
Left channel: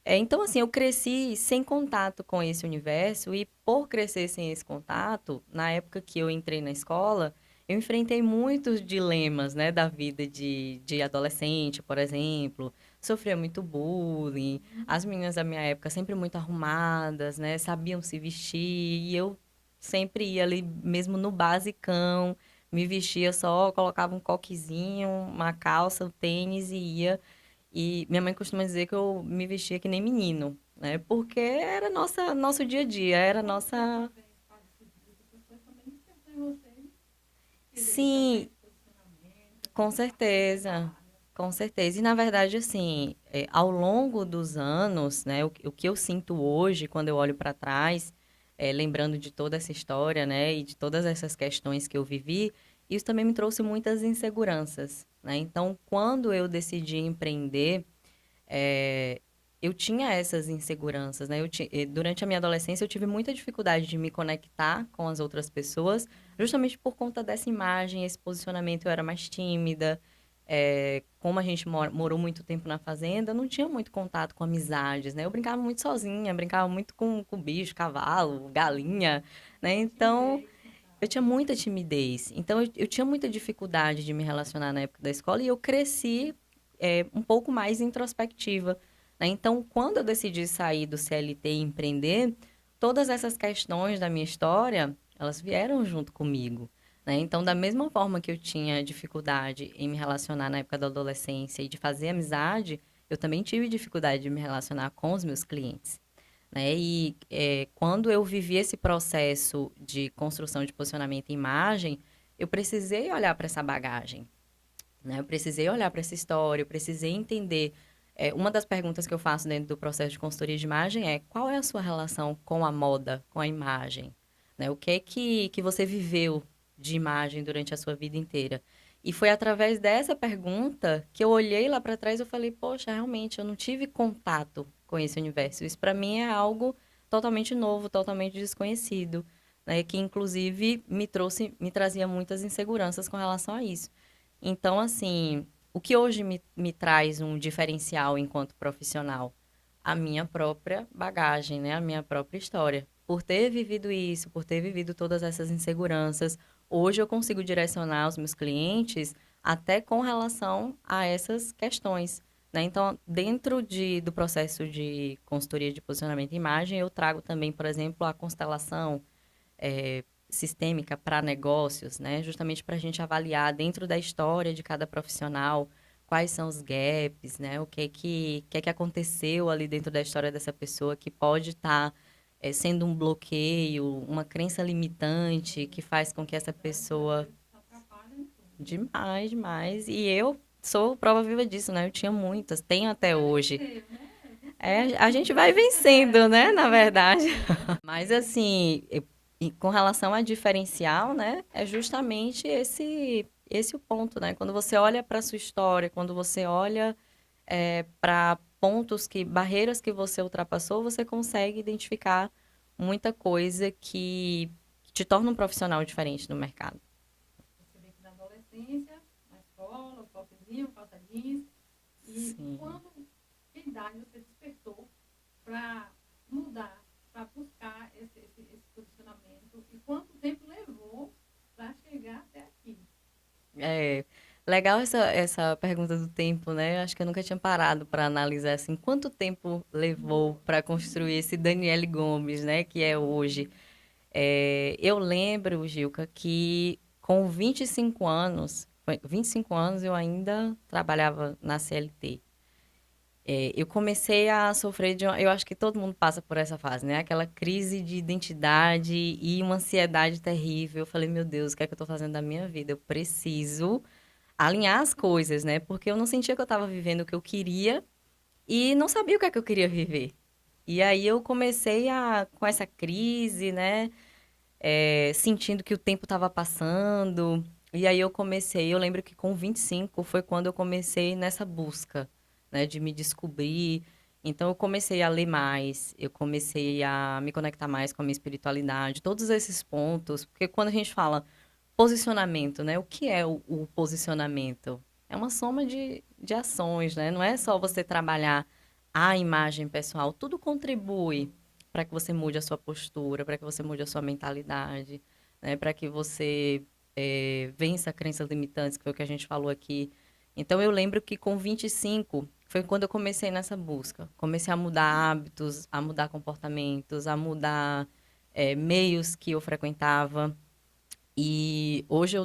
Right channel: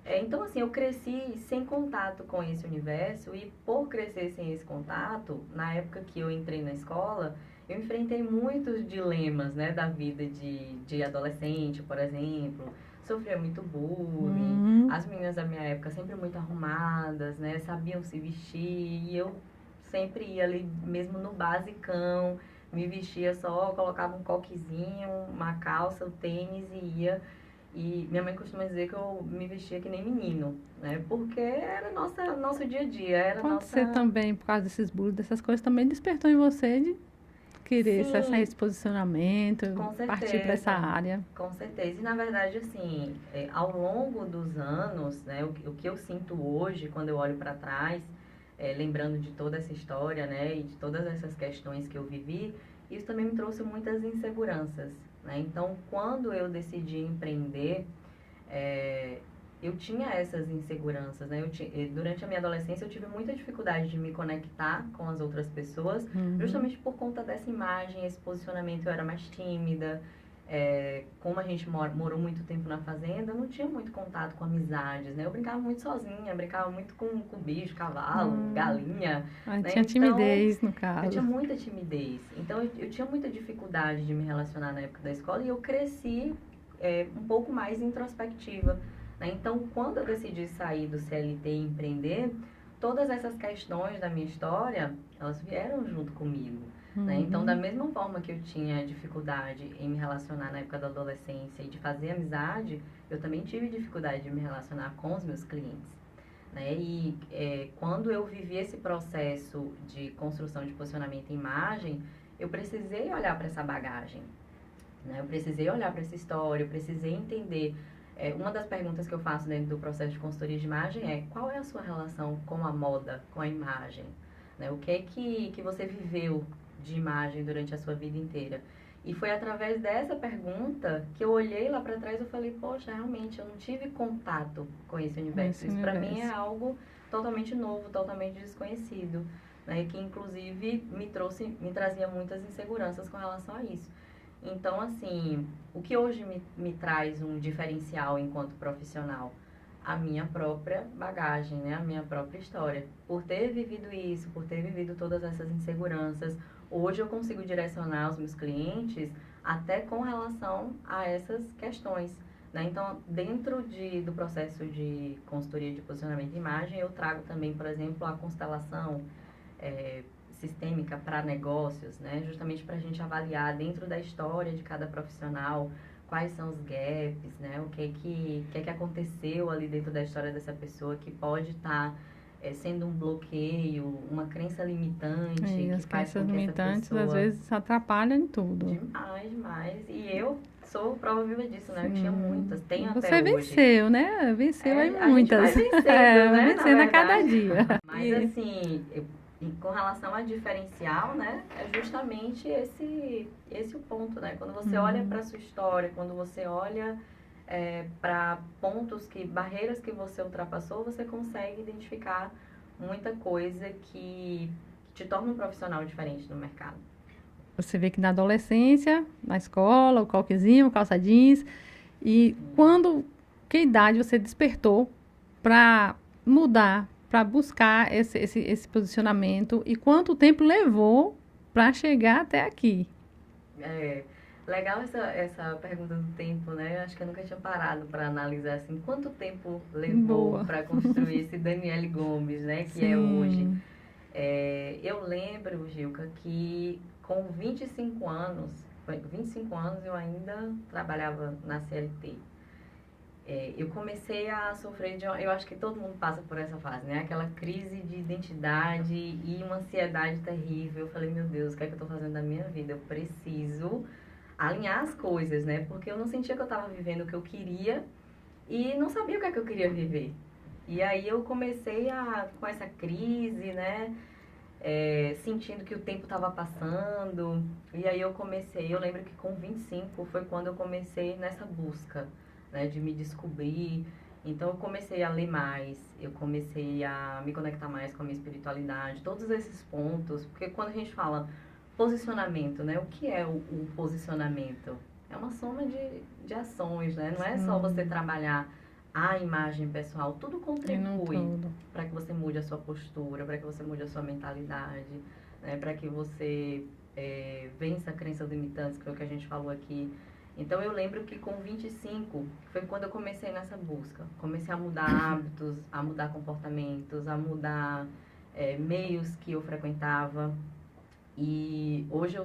Então, assim, eu cresci sem contato com esse universo e por crescer sem esse contato, na época que eu entrei na escola, eu enfrentei muitos dilemas, né, da vida de adolescente, por exemplo. Sofria muito bullying. Hum, As meninas da minha época sempre muito arrumadas, né, sabiam se vestir e eu sempre ia ali mesmo no basicão, me vestia só, colocava um coquezinho, uma calça, um tênis e ia. E minha mãe costuma dizer que eu me vestia que nem menino, né? Porque era nosso dia a dia, era pode ser nossa... também, por causa desses bullying, dessas coisas, também despertou em você de querer Sim, esse posicionamento, com partir para essa certeza, área. com certeza. E, na verdade, assim, ao longo dos anos, né? O que eu sinto hoje, quando eu olho para trás, lembrando de toda essa história, né? E de todas essas questões que eu vivi, isso também me trouxe muitas inseguranças, né? Então, quando eu decidi empreender, é, eu tinha essas inseguranças, né? Durante a minha adolescência, eu tive muita dificuldade de me conectar com as outras pessoas, Uhum. justamente por conta dessa imagem, esse posicionamento. Eu era mais tímida. Como a gente morou muito tempo na fazenda, eu não tinha muito contato com amizades, né? Eu brincava muito sozinha, brincava muito com bicho, cavalo, Ah, galinha, aí né? tinha Então, timidez, no eu caso. tinha muita timidez. Então, eu tinha muita dificuldade de me relacionar na época da escola e eu cresci um pouco mais introspectiva, né? Então, quando eu decidi sair do CLT e empreender, todas essas questões da minha história, elas vieram junto comigo, né? Então, da Uhum. mesma forma que eu tinha dificuldade em me relacionar na época da adolescência e de fazer amizade, eu também tive dificuldade de me relacionar com os meus clientes. né? E quando eu vivi esse processo de construção de posicionamento e imagem, eu precisei olhar para essa bagagem, né? Eu precisei olhar para essa história, eu precisei entender. Uma das perguntas que eu faço dentro do processo de consultoria de imagem é: qual é a sua relação com a moda, com a imagem? Né? O que é que você viveu de imagem durante a sua vida inteira? E foi através dessa pergunta que eu olhei lá para trás e eu falei: poxa, realmente, eu não tive contato com esse universo. Esse Isso para mim é universo. algo totalmente novo, totalmente desconhecido, né? Que inclusive me trazia muitas inseguranças com relação a isso. Então, assim, o que hoje me traz um diferencial enquanto profissional? A minha própria bagagem, né? A minha própria história. Por ter vivido isso, por ter vivido todas essas inseguranças, hoje eu consigo direcionar os meus clientes até com relação a essas questões, né? Então, dentro do processo de consultoria de posicionamento e imagem, eu trago também, por exemplo, a constelação, sistêmica para negócios, né? Justamente para a gente avaliar dentro da história de cada profissional quais são os gaps, né? O que aconteceu ali dentro da história dessa pessoa que pode estar sendo um bloqueio, uma crença limitante E que as faz com crenças que essa limitantes, às pessoa vezes, atrapalham em tudo. demais, demais. E eu sou prova viva disso, né? Eu tinha muitas, E tenho até você hoje. venceu, né? Venceu em A gente vai muitas. vencendo, né? Na Vencendo a cada verdade. dia. Mas E assim, e com relação a diferencial, né, é justamente esse o ponto, né? Quando você olha para a sua história, quando você olha para barreiras que você ultrapassou, você consegue identificar muita coisa que te torna um profissional diferente no mercado. você vê que na adolescência, na escola, o coquezinho, calça jeans. E Sim. quando, que idade você despertou para mudar, para buscar esse posicionamento? E quanto tempo levou para chegar até aqui? É legal essa pergunta do tempo, né? Eu acho que eu nunca tinha parado para analisar assim quanto tempo levou Boa. para construir esse Daniele Gomes, né? Que é hoje. Sim. Eu lembro, Gilca, que com 25 anos, 25 anos eu ainda trabalhava na CLT. Eu comecei a sofrer eu acho que todo mundo passa por essa fase, né? Aquela crise de identidade e uma ansiedade terrível. Eu falei, meu Deus, o que é que eu estou fazendo da minha vida? Eu preciso alinhar as coisas, né? Porque eu não sentia que eu estava vivendo o que eu queria e não sabia o que é que eu queria viver. E aí eu comecei com essa crise, né? Sentindo que o tempo estava passando. E aí eu lembro que com 25 foi quando eu comecei nessa busca, né, de me descobrir. Então eu comecei a ler mais, eu comecei a me conectar mais com a minha espiritualidade, todos esses pontos, porque quando a gente fala posicionamento, né, o que é o posicionamento? É uma soma de ações, né? Não é só você trabalhar a imagem pessoal, tudo E não contribui tudo. para que você mude a sua postura, para que você mude a sua mentalidade, né? Para que você vença crenças limitantes, que foi o que a gente falou aqui. Então, eu lembro que com 25 foi quando eu comecei nessa busca. Comecei a mudar hábitos, a mudar comportamentos, a mudar meios que eu frequentava. E hoje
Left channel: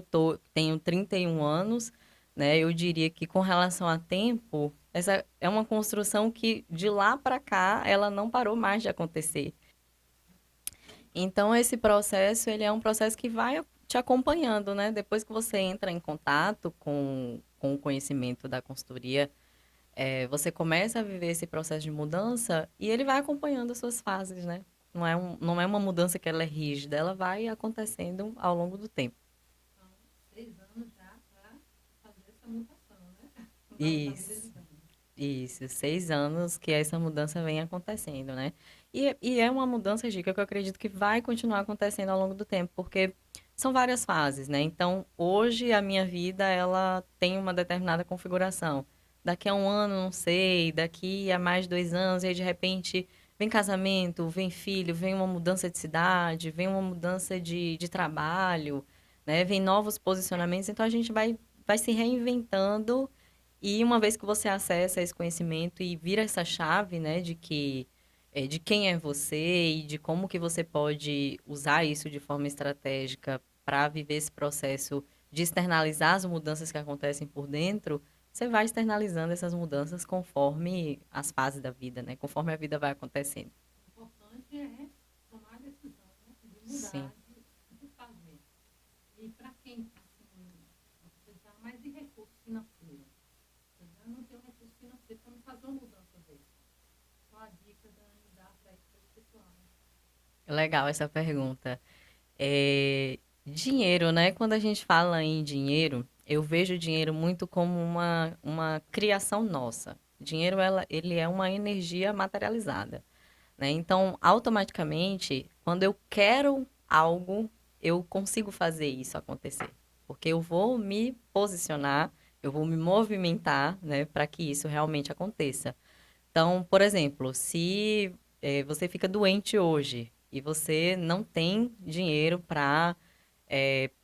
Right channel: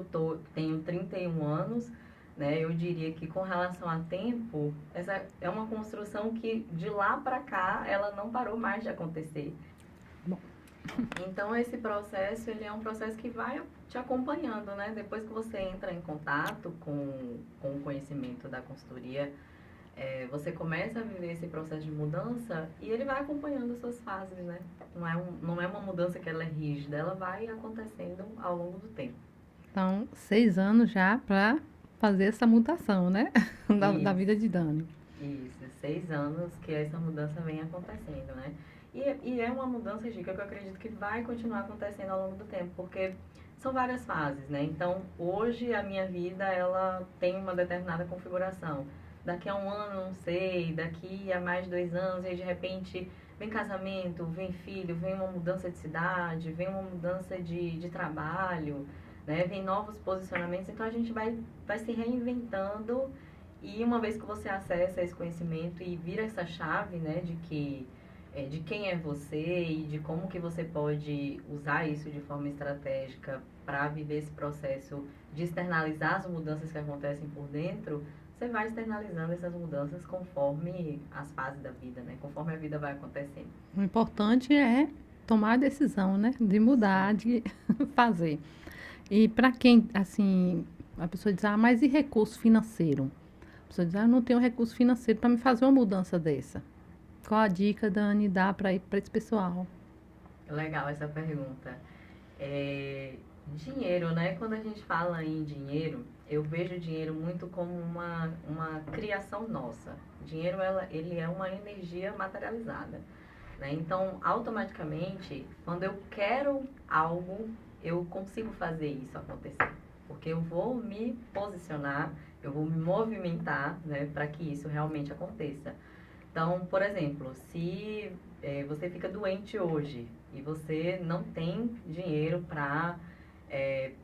tenho 31 anos, né? Eu diria que com relação a tempo, essa é uma construção que de lá para cá ela não parou mais de acontecer. Bom, Então esse processo, ele é um processo que vai te acompanhando, né? Depois que você entra em contato com o conhecimento da consultoria, você começa a viver esse processo de mudança e ele vai acompanhando as suas fases, né? Não é uma mudança que ela é rígida, ela vai acontecendo ao longo do tempo. então, 6 anos já para fazer essa mutação, né? Da vida de Isso, Dani. isso. 6 anos que essa mudança vem acontecendo, né? E é uma mudança, Gica, que eu acredito que vai continuar acontecendo ao longo do tempo, porque são várias fases, né? Então, hoje a minha vida, ela tem uma determinada configuração. Daqui a um ano, não sei, daqui a mais 2 anos, e aí de repente vem casamento, vem filho, vem uma mudança de cidade, vem uma mudança de trabalho, né? Vem novos posicionamentos, então a gente vai se reinventando e uma vez que você acessa esse conhecimento e vira essa chave, né, de quem é você e de como que você pode usar isso de forma estratégica para viver esse processo de externalizar as mudanças que acontecem por dentro, você vai externalizando essas mudanças conforme as fases da vida, né? Conforme a vida vai acontecendo. O importante é tomar a decisão, né? De Sim. mudar, de fazer. E para quem, assim, a pessoa diz, mas e recurso financeiro? A pessoa diz, eu não tenho recurso financeiro para me fazer uma mudança dessa. Qual a dica, Dani, dá para esse pessoal? Legal essa pergunta. Dinheiro, né? Quando a gente fala em dinheiro, eu vejo o dinheiro muito como uma criação nossa. Dinheiro, ele é uma energia materializada, né? Então, automaticamente, quando eu quero algo, eu consigo fazer isso acontecer. Porque eu vou me posicionar, eu vou me movimentar, né, para que isso realmente aconteça. Então, por exemplo, se você fica doente hoje e você não tem dinheiro para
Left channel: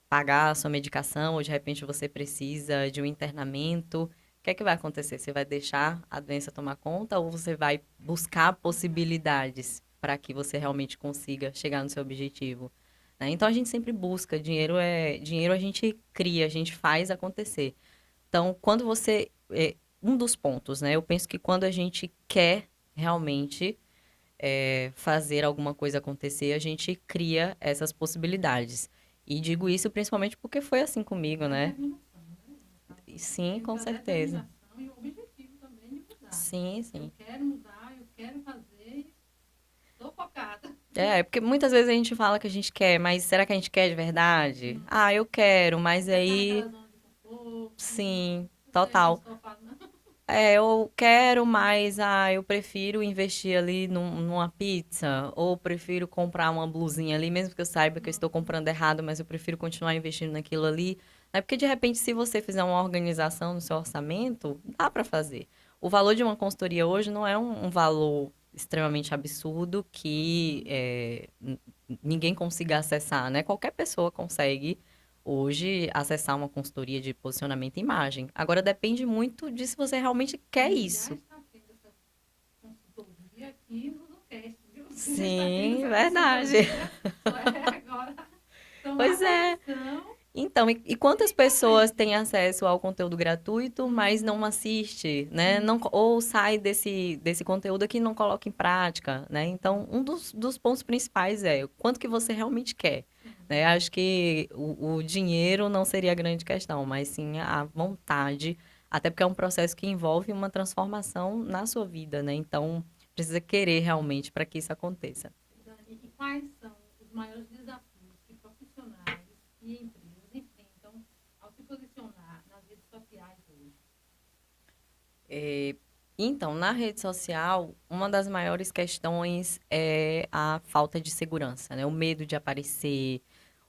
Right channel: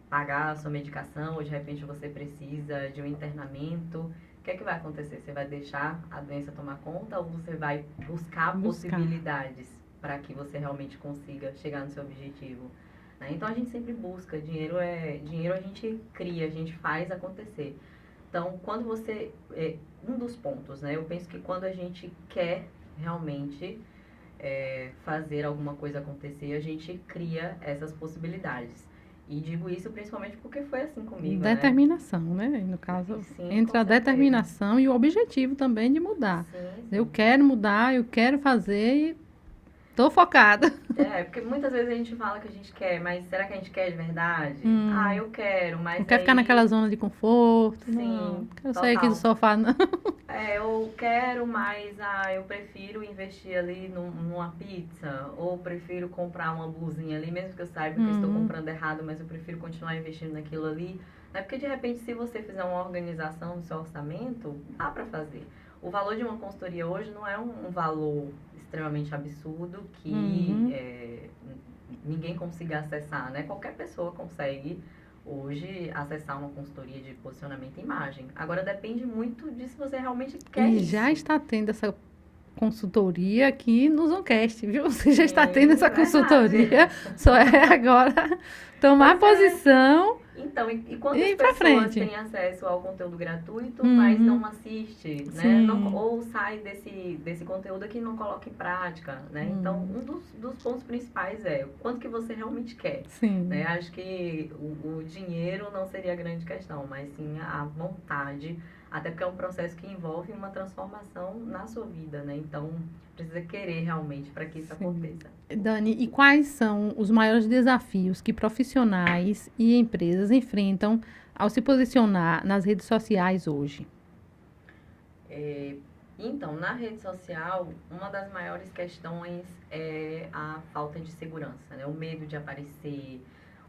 pagar a sua medicação, ou de repente você precisa de um internamento, o que é que vai acontecer? Você vai deixar a doença tomar conta ou você vai buscar Buscar. possibilidades para que você realmente consiga chegar no seu objetivo? Né? Então a gente sempre busca dinheiro, a gente cria, a gente faz acontecer. Então, quando você um dos pontos, né? Eu penso que quando a gente quer realmente fazer alguma coisa acontecer, a gente cria essas possibilidades. E digo isso principalmente porque foi assim comigo, né? Determinação, né? E no caso, Sim, com entre a certeza. determinação e o objetivo também de mudar. Sim, Eu sim. quero mudar, eu quero fazer e estou focada. Porque muitas vezes a gente fala que a gente quer, mas será que a gente quer de verdade? Ah, Hum, eu quero, não mas quero ficar naquela aí, zona de conforto, não. sim, Não quero sair aqui do total. sofá, não. Eu quero, mas eu prefiro investir ali numa pizza, ou prefiro comprar uma blusinha ali, mesmo que eu saiba que eu estou Hum, comprando errado, mas eu prefiro continuar investindo naquilo ali. É porque, de repente, se você fizer uma organização no seu orçamento, dá para fazer. O valor de uma consultoria hoje não é um valor extremamente absurdo que uhum. ninguém consiga acessar, né? Qualquer pessoa consegue hoje acessar uma consultoria de posicionamento e imagem. Agora depende muito de se você realmente quer E já isso. está tendo essa consultoria aqui no Zoncast, viu? Você já está tendo Sim, essa verdade. consultoria, só é agora tomar Pois é. posição Então, e e quantas ir para pessoas frente. têm acesso ao conteúdo gratuito, mas Uhum, não assiste, né? Não, sim, ou sai desse conteúdo aqui e não coloca em prática, né? Então, um dos pontos principais é o quanto que você realmente quer, né? sim. Acho que o dinheiro não seria a grande questão, mas sim a vontade, até porque é um processo que envolve uma transformação na sua vida, né? Então, precisa querer realmente para que isso Sim. aconteça. Dani, e quais são os maiores desafios que profissionais e empresas enfrentam ao se posicionar nas redes sociais hoje? Então, na rede social, uma das maiores questões é a falta de segurança, né? O medo de aparecer,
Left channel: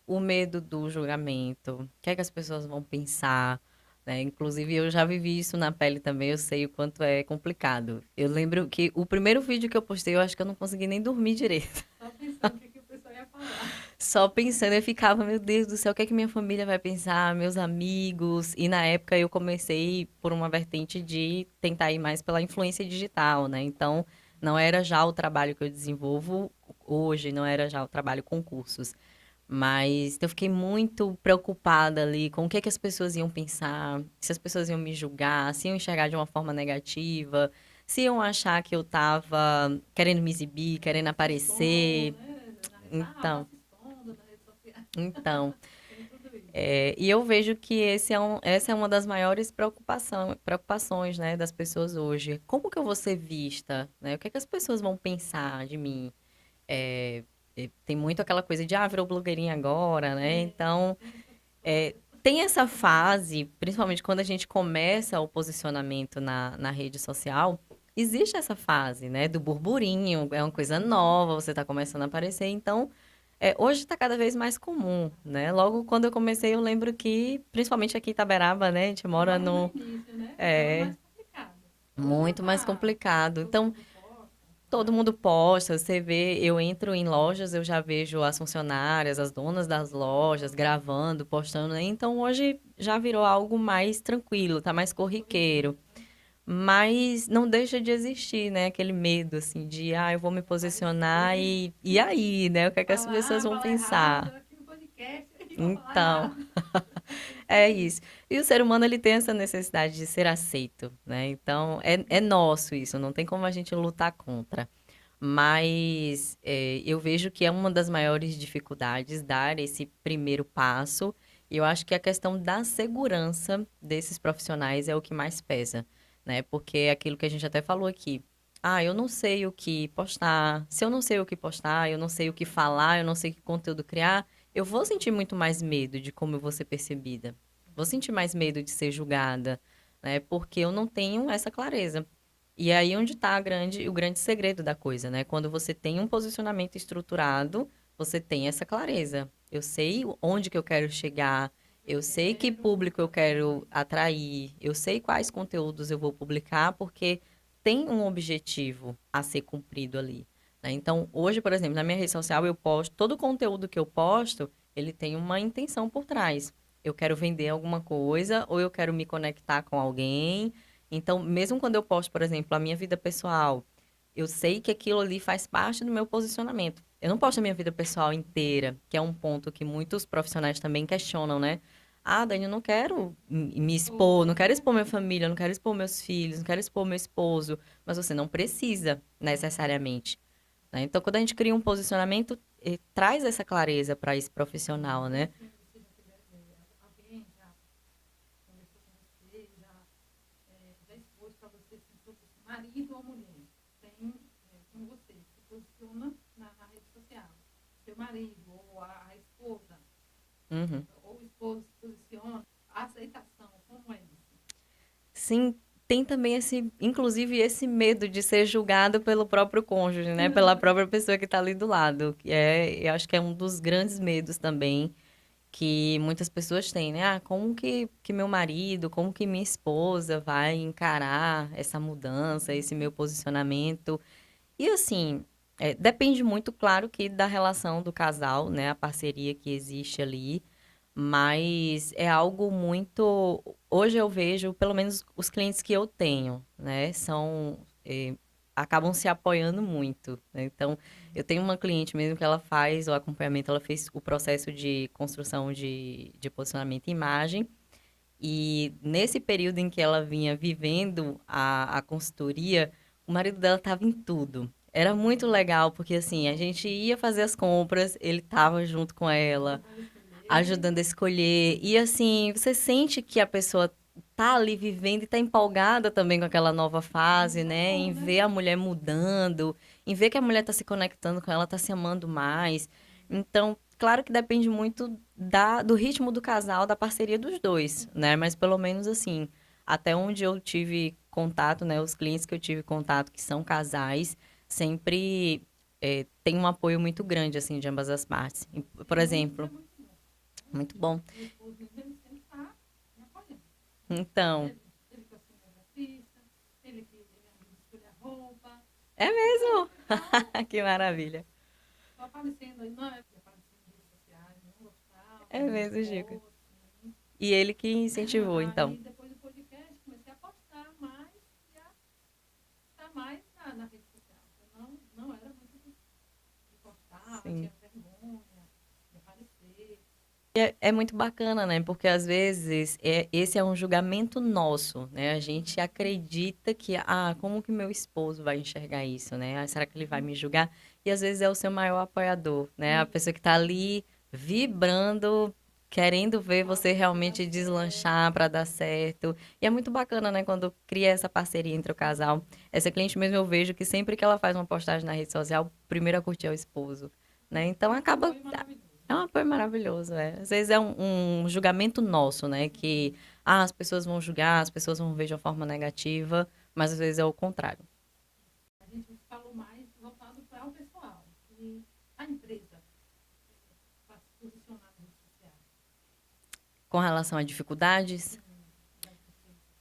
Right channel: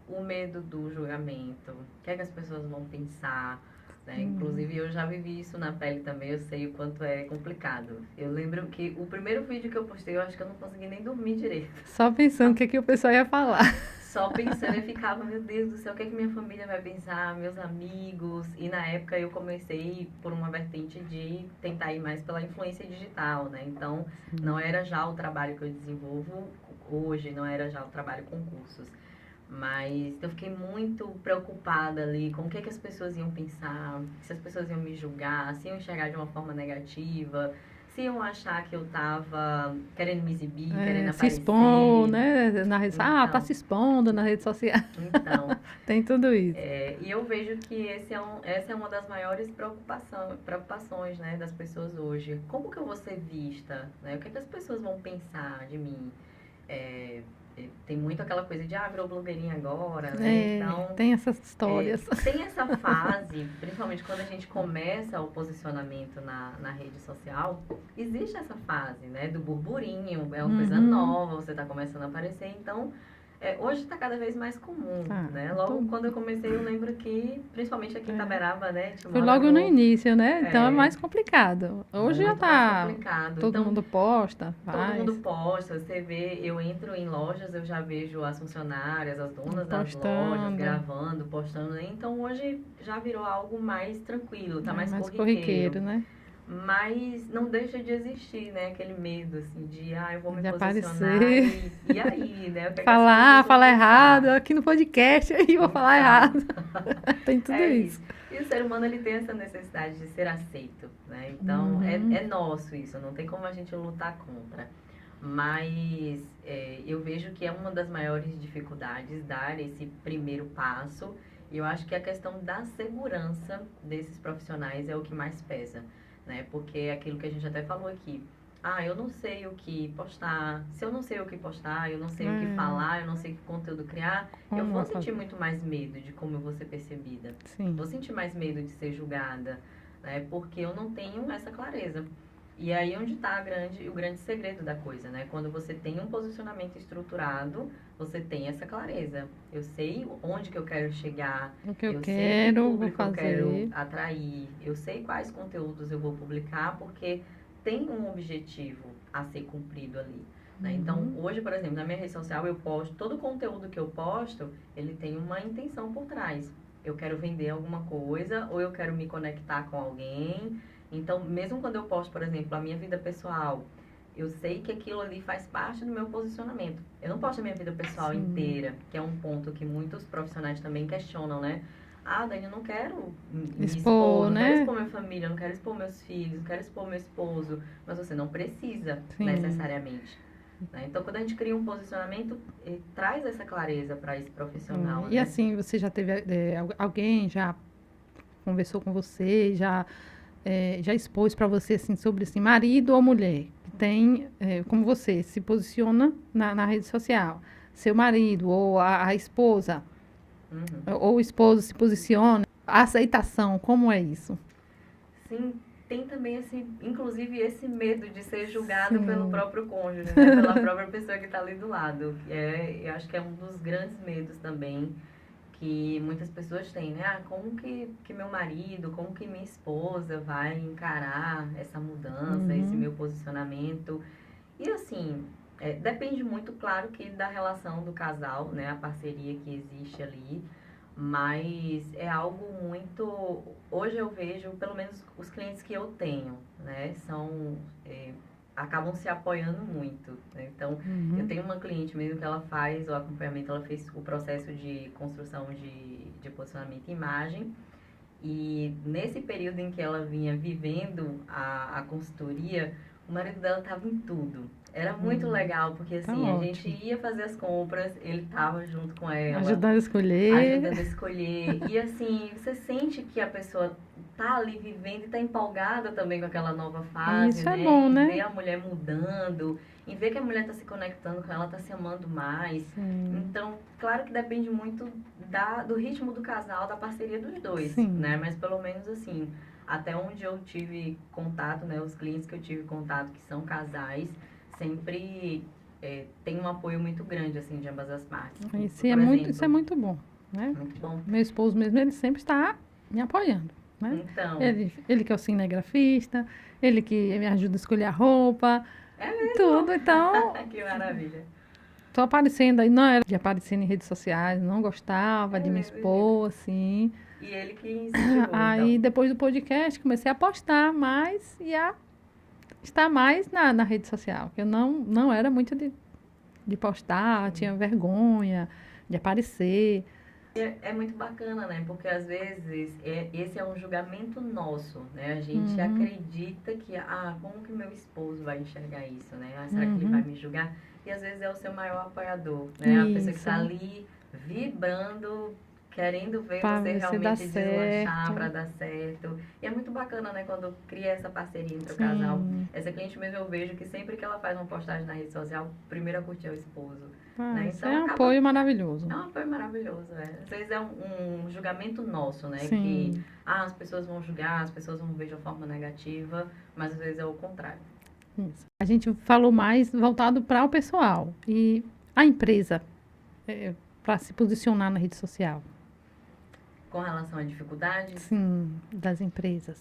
o medo do julgamento, o que é que as pessoas vão pensar, né? Inclusive, eu já vivi isso na pele também, eu sei o quanto é complicado. Eu lembro que o primeiro vídeo que eu postei, eu acho que eu não consegui nem dormir direito. Só pensando o que o pessoal ia falar. Só pensando, eu ficava, meu Deus do céu, o que é que minha família vai pensar, meus amigos? E na época eu comecei por uma vertente de tentar ir mais pela influência digital, né? Então, não era já o trabalho que eu desenvolvo hoje, não era já o trabalho com cursos. Mas eu fiquei muito preocupada ali com o que é que as pessoas iam pensar, se as pessoas iam me julgar, se iam enxergar de uma forma negativa, se iam achar que eu estava querendo me exibir, querendo Se expor, aparecer. né? Na rede, tá Então, se expondo na rede social. então, Tem tudo isso. e eu vejo que essa é uma das maiores preocupações, né, das pessoas hoje. Como que eu vou ser vista, né? O que é que as pessoas vão pensar de mim? É, tem muito aquela coisa de, virou blogueirinha agora, né? É, Então, tem essas histórias. tem essa fase, principalmente quando a gente começa o posicionamento na rede social, existe essa fase, né, do burburinho, é uma coisa Uhum, nova, você está começando a aparecer, então hoje está cada vez mais comum, tá. né? Logo quando eu comecei, eu lembro que, principalmente aqui em Itaberaba, né? A gente Foi mora logo no no... início, né? Então é É mais complicado. Hoje já muito mais tá. complicado. Todo Então, mundo posta, todo faz, mundo posta, você vê, eu entro em lojas, eu já vejo as funcionárias, as donas das lojas postando. gravando, postando, né? Então, hoje já virou algo mais tranquilo, tá É mais mais corriqueiro. corriqueiro, né? mas não deixa de existir, né? Aquele medo, assim, de, eu vou me De posicionar aparecer, e aí, né? O que é que as pessoas vão falar errado pensar? aqui no podcast, aí eu vou falar Então, errado. Tem tudo é isso. isso. E o ser humano, ele tem essa necessidade de ser aceito, né? Então, é Uhum. nosso isso, não tem como a gente lutar contra. Mas eu vejo que é uma das maiores dificuldades dar esse primeiro passo. E eu acho que a questão da segurança desses profissionais é o que mais pesa, né? Porque é aquilo que a gente até falou aqui. Eu não sei o que postar. Se eu não sei o que postar, eu não sei o que É, falar, eu não sei que conteúdo criar, eu como vou vai sentir fazer? muito mais medo de como eu vou ser percebida. Sim. Vou sentir mais medo de ser julgada, né? Porque eu não tenho essa clareza. E aí onde está o grande segredo da coisa, né? Quando você tem um posicionamento estruturado, você tem essa clareza. Eu sei onde que eu quero chegar, O que eu eu sei que quero, vou público eu quero fazer. atrair, eu sei quais conteúdos eu vou publicar, porque tem um objetivo a ser cumprido ali. Né? Então, Uhum. hoje, por exemplo, na minha rede social eu posto, todo o conteúdo que eu posto, ele tem uma intenção por trás. Eu quero vender alguma coisa, ou eu quero me conectar com alguém. Então, mesmo quando eu posto, por exemplo, a minha vida pessoal, eu sei que aquilo ali faz parte do meu posicionamento. Eu não posto a minha vida pessoal Sim. inteira, que é um ponto que muitos profissionais também questionam, né? Dani, eu não quero me expor, Expor, não quero né? expor minha família, não quero expor meus filhos, não quero expor meu esposo. Mas você não precisa, Sim. necessariamente. Né? Então, quando a gente cria um posicionamento, traz essa clareza para esse É. profissional, E né? assim, você já teve, alguém já conversou com você, já expôs para você assim sobre assim, marido ou mulher que tem, como você se posiciona na rede social, seu marido ou a esposa Uhum. ou o esposo se posiciona, a aceitação, como é isso? Sim, tem também inclusive esse medo de ser julgado pelo Sim. próprio cônjuge, né? Pela própria pessoa que está ali do lado. Eu acho que é um dos grandes medos também que muitas pessoas têm, né? Como que meu marido, como que minha esposa vai encarar essa mudança, esse Uhum. meu posicionamento? E assim, depende muito, claro, que da relação do casal, né? A parceria que existe ali. Mas é algo muito. Hoje eu vejo, pelo menos os clientes que eu tenho, né? Acabam se apoiando muito. Né? Então, eu Uhum. tenho uma cliente mesmo que ela faz o acompanhamento, ela fez o processo de construção de posicionamento e imagem. E nesse período em que ela vinha vivendo a consultoria, o marido dela estava em tudo. Era muito legal, porque Tá assim, a gente ótimo. ia fazer as compras, ele estava junto com ela, Ajudando a escolher. ajudando a escolher. E assim, você sente que a pessoa tá ali vivendo e tá empolgada também com aquela nova fase, Isso é né? bom, Em né? ver a mulher mudando, em ver que a mulher tá se conectando com ela, tá se amando mais. Sim. Então, claro que depende muito do ritmo do casal, da parceria dos dois, né? Sim. Mas pelo menos assim, até onde eu tive contato, né? Os clientes que eu tive contato que são casais, sempre tem um apoio muito grande, assim, de ambas as partes. Por Isso é exemplo, muito bom, né? muito bom. Meu esposo mesmo, ele sempre está me apoiando, né? Então, Ele que é o cinegrafista, ele que me ajuda a escolher a roupa, é tudo. mesmo? Então, Que maravilha. tô aparecendo aí, não era de aparecer em redes sociais, não gostava É de me mesmo, Gica. expor, assim. E ele que incentivou, Aí, então. depois do podcast, comecei a postar mais e a estar mais na rede social, que eu não era muito de postar, Sim. tinha vergonha de aparecer. É muito bacana, né? Porque às vezes esse é um julgamento nosso, né? A gente Uhum, acredita que, como que meu esposo vai enxergar isso, né? Será que ele vai uhum. me julgar? E às vezes é o seu maior apoiador, né? A pessoa que Isso, está ali vibrando, querendo ver para você ver se dá realmente deslanchar para certo. dar certo. E é muito bacana, né? Quando cria essa parceria entre o casal. Sim. Essa cliente mesmo eu vejo que sempre que ela faz uma postagem na rede social, o primeiro a curtir é o esposo, né? Isso Então é um acaba apoio maravilhoso. é um apoio maravilhoso, é. Às vezes é um julgamento nosso, né? Que, Sim, as pessoas vão julgar, as pessoas vão ver de uma forma negativa, mas às vezes é o contrário. isso. A gente falou mais voltado para o pessoal e a empresa, para se posicionar na rede social. Com relação a dificuldades, Sim, das empresas.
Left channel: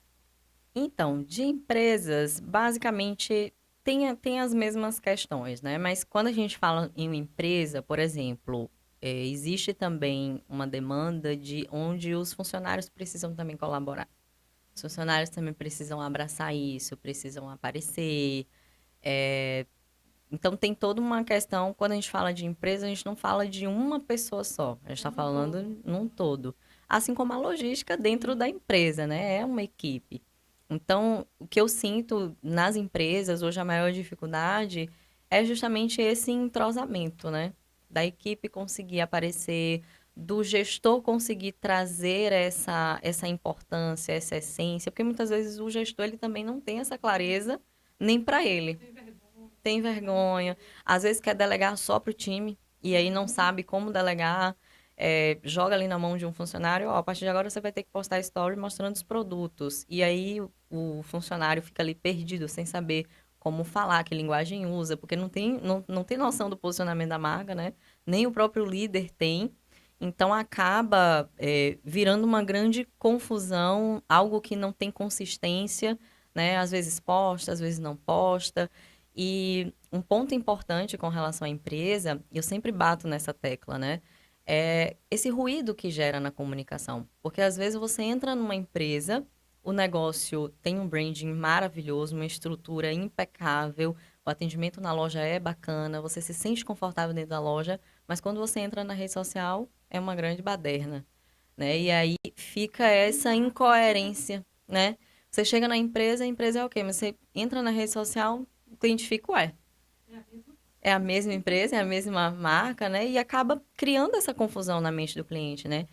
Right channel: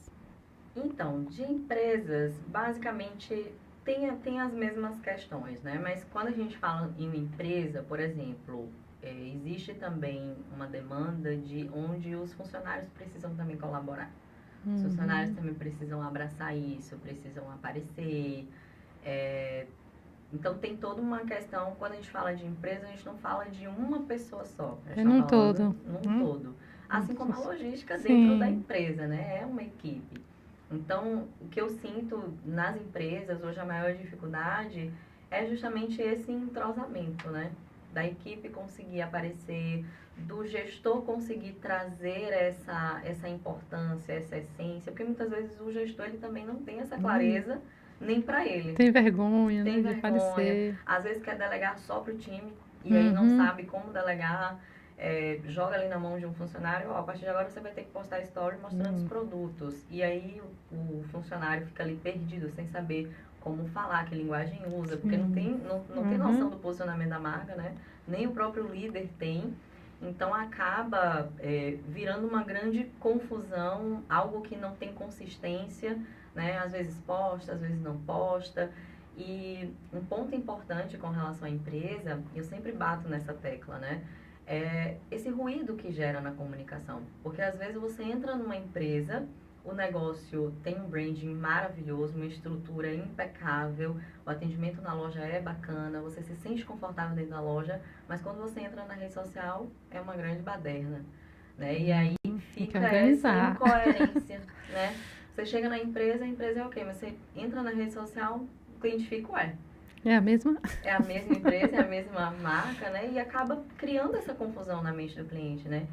então, de empresas, basicamente tem as mesmas questões, né? Mas quando a gente fala em uma empresa, por exemplo, existe também uma demanda de onde os funcionários precisam também colaborar. Os funcionários também precisam abraçar isso, precisam aparecer. Então, tem toda uma questão, quando a gente fala de empresa, a gente não fala de uma pessoa só. A gente É está num falando todo. num todo. Assim como a logística dentro da Sim. empresa, né? É uma equipe. Então, o que eu sinto nas empresas, hoje a maior dificuldade é justamente esse entrosamento, né? Da equipe conseguir aparecer, do gestor conseguir trazer essa importância, essa essência, porque muitas vezes o gestor ele também não tem essa clareza nem para ele. Tem vergonha, Tem né, de vergonha, aparecer. às vezes quer delegar só para o time e aí não Uhum. sabe como delegar, joga ali na mão de um funcionário, ó, a partir de agora você vai ter que postar story mostrando os produtos. E aí o funcionário fica ali perdido, sem saber como falar, que linguagem usa, porque não tem noção Uhum. do posicionamento da marca, né? Nem o próprio líder tem. Então acaba virando uma grande confusão, algo que não tem consistência, né? Às vezes posta, às vezes não posta. E um ponto importante com relação à empresa, eu sempre bato nessa tecla, né? É esse ruído que gera na comunicação. Porque às vezes você entra numa empresa, o negócio tem um branding maravilhoso, uma estrutura impecável, o atendimento na loja é bacana, você se sente confortável dentro da loja, mas quando você entra na rede social, é uma grande baderna, né? E aí Tem que fica essa organizar. incoerência, né? Você chega na empresa, a empresa é ok, mas você entra na rede social, o cliente fica, ué, É a mesma? é a mesma empresa, é a mesma marca, né? E acaba criando essa confusão na mente do cliente, né?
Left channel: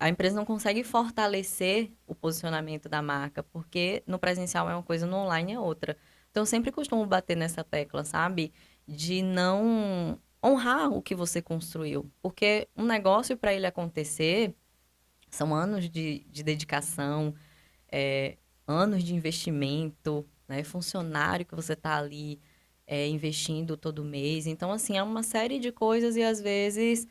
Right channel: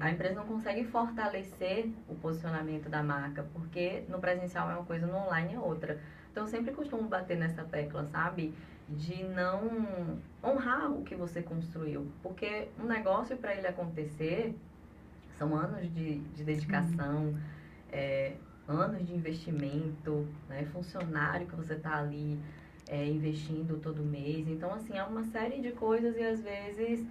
A empresa não consegue fortalecer o posicionamento da marca, porque no presencial é uma coisa, no online é outra. Então, eu sempre costumo bater nessa tecla, sabe? De não honrar o que você construiu. Porque um negócio, para ele acontecer, são anos de dedicação, é, anos de investimento, né? Funcionário que você está ali investindo todo mês. Então, assim, é uma série de coisas e às vezes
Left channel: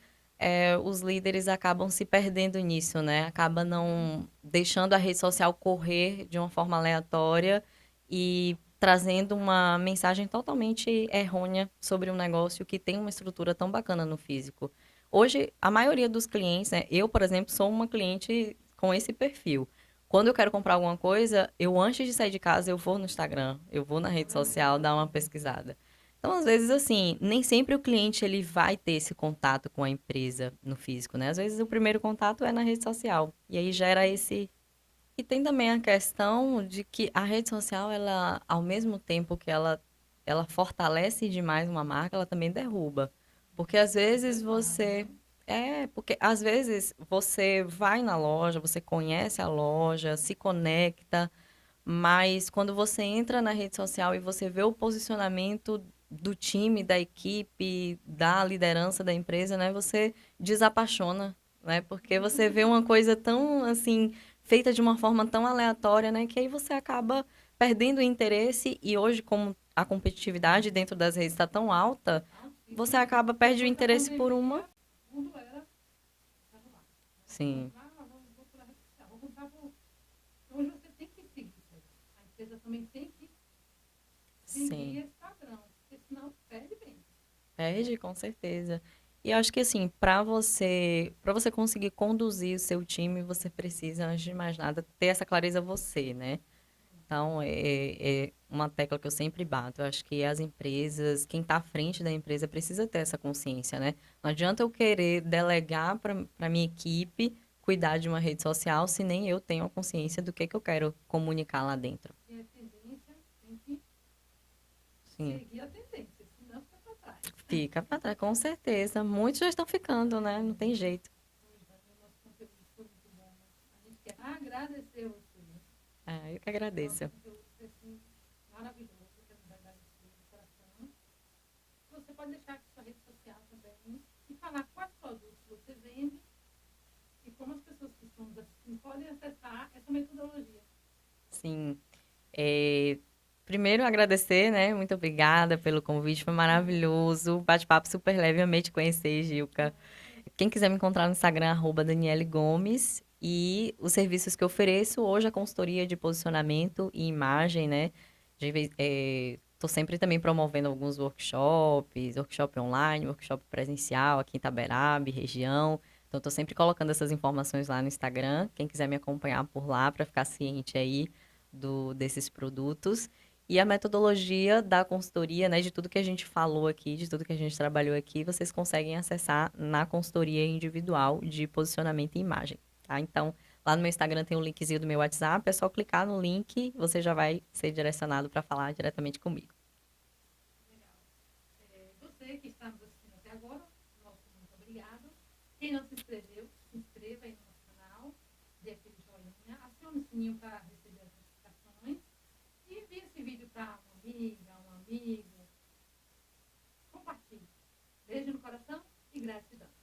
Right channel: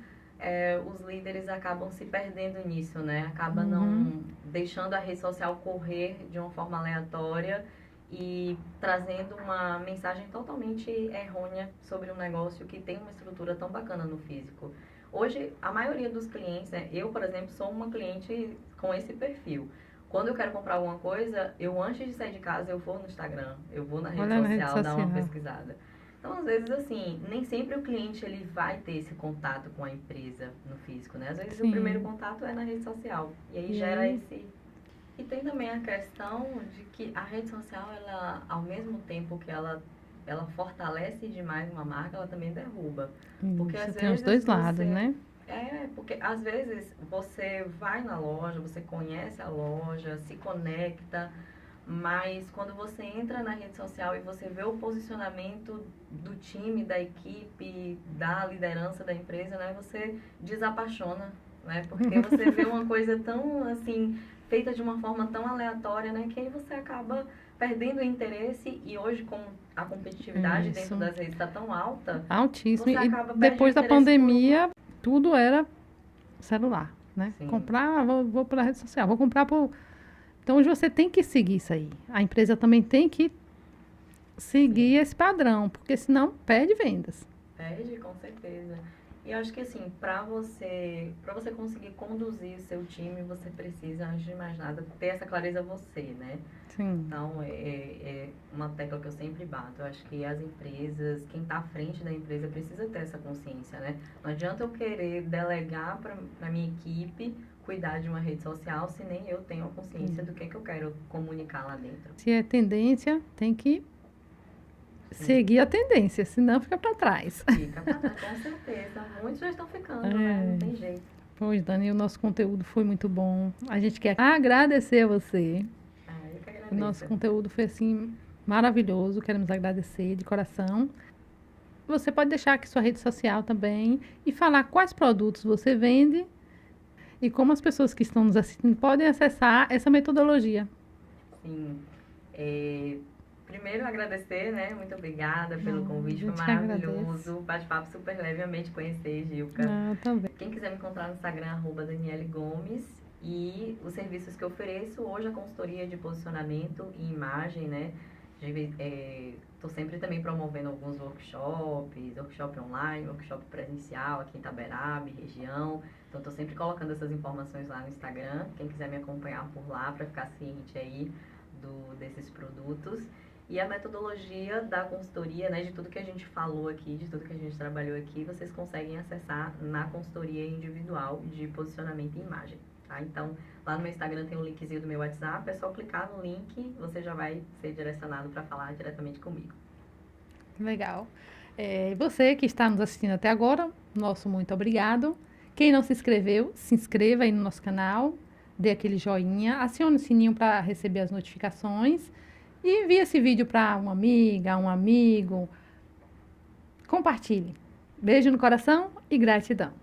os líderes acabam se perdendo nisso, né? Acaba Uhum. não deixando a rede social correr de uma forma aleatória e trazendo uma mensagem totalmente errônea sobre um negócio que tem uma estrutura tão bacana no físico. Hoje, a maioria dos clientes, né? Eu, por exemplo, sou uma cliente com esse perfil. Quando eu quero comprar alguma coisa, eu antes de sair de casa, eu vou no Instagram, eu vou na rede Olha na rede social, dar uma social. pesquisada. Então, às vezes, assim, nem sempre o cliente ele vai ter esse contato com a empresa no físico, né? Às vezes, o primeiro Sim. contato é na rede social. E aí E gera aí, esse... E tem também a questão de que a rede social, ela, ao mesmo tempo que ela fortalece demais uma marca, ela também derruba. Porque isso às tem os vezes dois lados, você né? porque às vezes você vai na loja, você conhece a loja, se conecta, mas quando você entra na rede social e você vê o posicionamento do time, da equipe, da liderança da empresa, né, você desapaixona, né? Porque você vê uma coisa tão assim feita de uma forma tão aleatória, né, que aí você acaba perdendo o interesse e hoje como a competitividade dentro Isso. das redes está tão alta, Altíssimo. você E acaba perdendo o depois da interesse por uma. pandemia, tudo era celular, né? Sim. Comprar, vou para a rede social, vou comprar por. Então hoje você tem que seguir isso aí. A empresa também tem que seguir Sim, esse padrão, porque senão perde vendas. perde com certeza. E eu acho que assim, para você conseguir conduzir o seu time, você precisa, antes de mais nada, ter essa clareza você, né? Sim. Então, é uma tecla que eu sempre bato. Eu acho que as empresas, quem está à frente da empresa, precisa ter essa consciência, né? Não adianta eu querer delegar para minha equipe cuidar de uma rede social se nem eu tenho a consciência do que eu quero comunicar lá dentro. Se é tendência, tem que Sim. seguir a tendência, senão fica para trás. Fica para trás, com certeza. Muitos já estão ficando, né? Não É. tem jeito. Pois, Dani, o nosso conteúdo foi muito bom. A gente quer agradecer a você. Ah, eu que O nosso agradeço. conteúdo foi assim maravilhoso. Queremos agradecer de coração. Você pode deixar aqui sua rede social também e falar quais produtos você vende e como as pessoas que estão nos assistindo podem acessar essa metodologia. Sim. É, primeiro, agradecer, né? Muito obrigada pelo A convite, foi gente que agradece. maravilhoso. Bate-papo super leve, amei te conhecer, Gilca. Ah, também. Quem quiser me encontrar no Instagram, Daniele Gomes. E os serviços que eu ofereço hoje, a consultoria de posicionamento e imagem, né? Estou sempre também promovendo alguns workshops, workshop online, workshop presencial aqui em Itaberaba, região. Então, Então, estou sempre colocando essas informações lá no Instagram. Quem quiser me acompanhar por lá para ficar ciente aí desses produtos. E a metodologia da consultoria, né, de tudo que a gente falou aqui, de tudo que a gente trabalhou aqui, vocês conseguem acessar na consultoria individual de posicionamento e imagem, tá? Então, lá no meu Instagram tem um linkzinho do meu WhatsApp, é só clicar no link, você já vai ser direcionado para falar diretamente comigo. Legal. Você que está nos assistindo até agora, nosso muito obrigado. Quem não se inscreveu, se inscreva aí no nosso canal, dê aquele joinha, acione o sininho para receber as notificações e envie esse vídeo para uma amiga, um amigo. Compartilhe. Beijo no coração e gratidão.